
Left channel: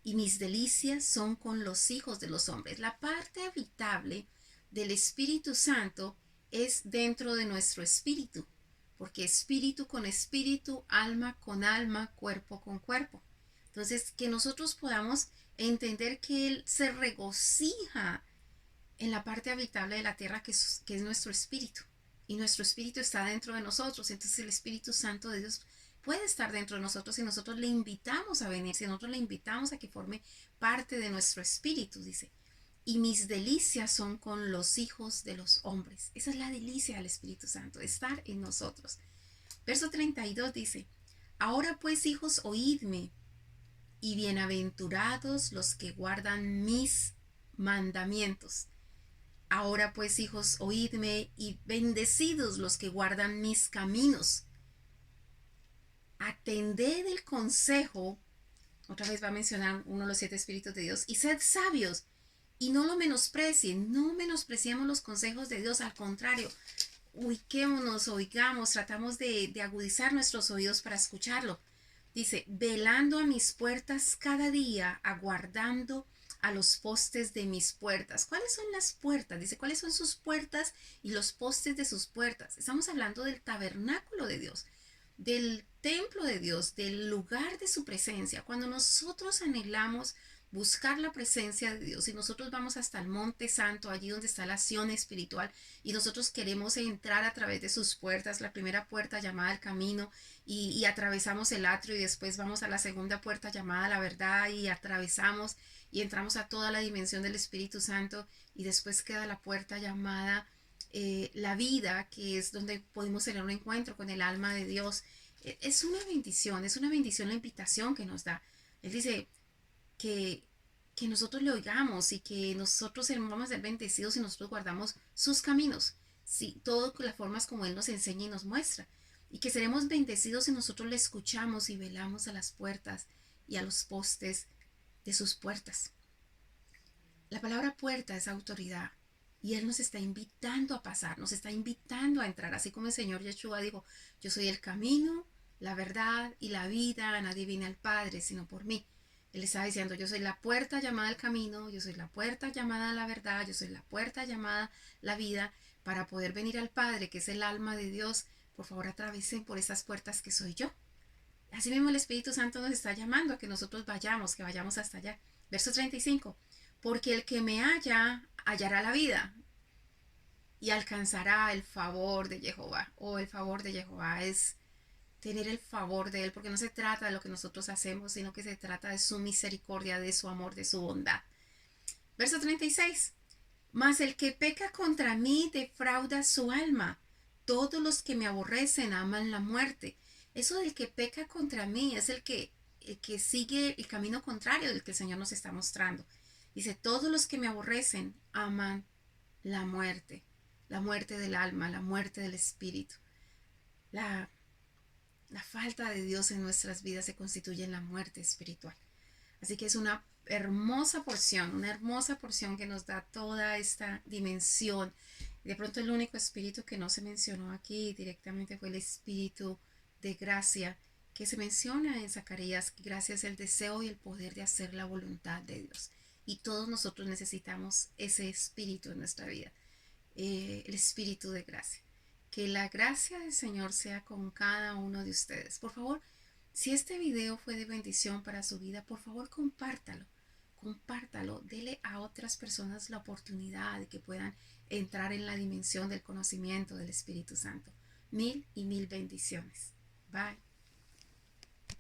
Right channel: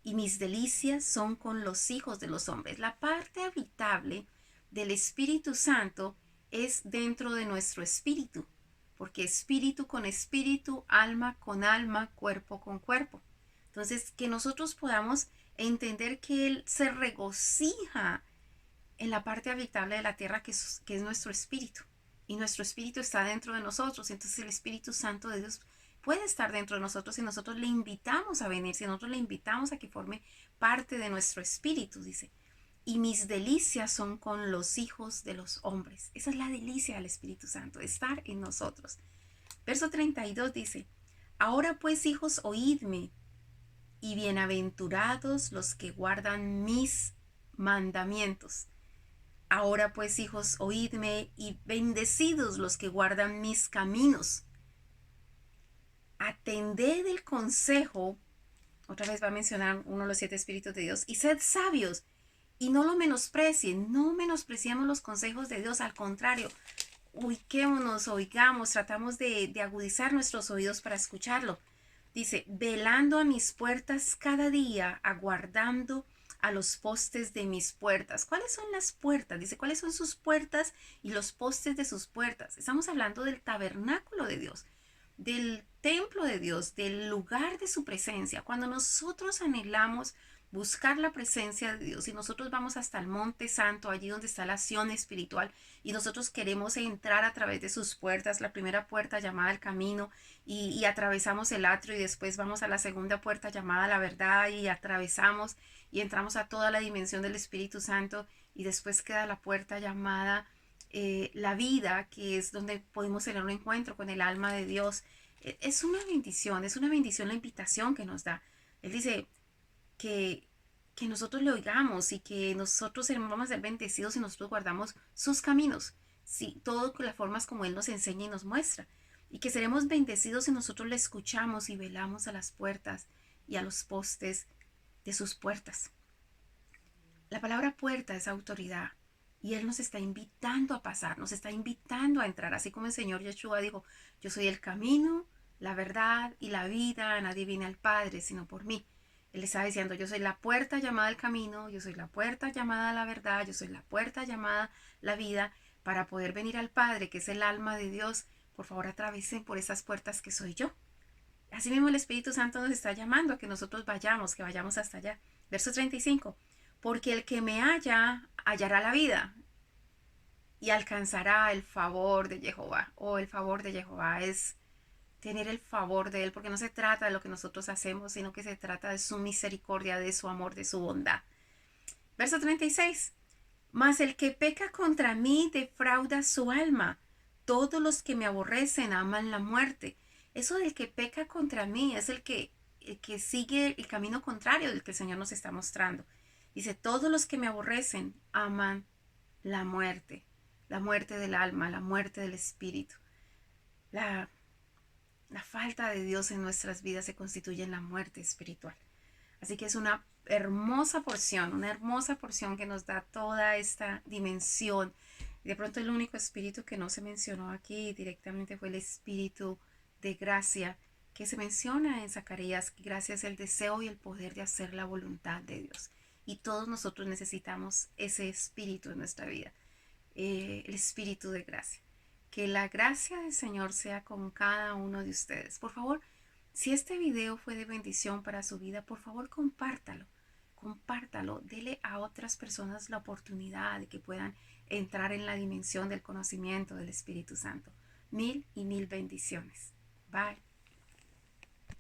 y mis delicias son con los hijos de los hombres. La parte habitable del Espíritu Santo es dentro de nuestro espíritu, porque espíritu con espíritu, alma con alma, cuerpo con cuerpo. Entonces, que nosotros podamos entender que Él se regocija en la parte habitable de la tierra que es nuestro espíritu. Y nuestro espíritu está dentro de nosotros. Entonces el Espíritu Santo de Dios puede estar dentro de nosotros si nosotros le invitamos a venir, si nosotros le invitamos a que forme parte de nuestro espíritu, dice. Y mis delicias son con los hijos de los hombres. Esa es la delicia del Espíritu Santo, estar en nosotros. Verso 32 dice, ahora pues hijos, oídme, y bienaventurados los que guardan mis mandamientos. Ahora pues hijos, oídme, y bendecidos los que guardan mis caminos. Atended el consejo, otra vez va a mencionar uno de los 7 espíritus de Dios, y sed sabios, y no lo menosprecien, no menospreciamos los consejos de Dios, al contrario, ubiquémonos, oigamos, tratamos de agudizar nuestros oídos para escucharlo. Dice, velando a mis puertas cada día, aguardando a los postes de mis puertas. ¿Cuáles son las puertas? Dice, ¿cuáles son sus puertas y los postes de sus puertas? Estamos hablando del tabernáculo de Dios, del templo de Dios, del lugar de su presencia. Cuando nosotros anhelamos buscar la presencia de Dios y nosotros vamos hasta el Monte Santo, allí donde está la acción espiritual, y nosotros queremos entrar a través de sus puertas, la primera puerta llamada el camino, y atravesamos el atrio y después vamos a la segunda puerta llamada la verdad y atravesamos y entramos a toda la dimensión del Espíritu Santo y después queda la puerta llamada la vida, que es donde podemos tener un encuentro con el alma de Dios. Es una bendición la invitación que nos da. Él dice que, que nosotros le oigamos y que nosotros vamos a ser bendecidos si nosotros guardamos sus caminos, sí, todo con las formas como Él nos enseña y nos muestra. Y que seremos bendecidos si nosotros le escuchamos y velamos a las puertas y a los postes de sus puertas. La palabra puerta es autoridad y Él nos está invitando a pasar, nos está invitando a entrar, así como el Señor Yeshua dijo, yo soy el camino, la verdad y la vida, nadie viene al Padre sino por mí. Él estaba diciendo, yo soy la puerta llamada al camino, yo soy la puerta llamada a la verdad, yo soy la puerta llamada la vida. Para poder venir al Padre, que es el alma de Dios, por favor atravesen por esas puertas que soy yo. Así mismo el Espíritu Santo nos está llamando a que nosotros vayamos, que vayamos hasta allá. Verso 35. Porque el que me halla, hallará la vida y alcanzará el favor de Jehová. O el favor de Jehová es tener el favor de Él, porque no se trata de lo que nosotros hacemos, sino que se trata de su misericordia, de su amor, de su bondad. Verso 36. Mas el que peca contra mí defrauda su alma. Todos los que me aborrecen aman la muerte. Eso del que peca contra mí es el que sigue el camino contrario del que el Señor nos está mostrando. Dice, todos los que me aborrecen aman la muerte del alma, la muerte del espíritu. La, la falta de Dios en nuestras vidas se constituye en la muerte espiritual. Así que es una hermosa porción que nos da toda esta dimensión. De pronto el único espíritu que no se mencionó aquí directamente fue el espíritu de gracia, que se menciona en Zacarías, que gracia es el deseo y el poder de hacer la voluntad de Dios. Y todos nosotros necesitamos ese espíritu en nuestra vida, el espíritu de gracia. Que la gracia del Señor sea con cada uno de ustedes. Por favor, si este video fue de bendición para su vida, por favor compártalo. Compártalo, dele a otras personas la oportunidad de que puedan entrar en la dimensión del conocimiento del Espíritu Santo. Mil y mil bendiciones. Bye.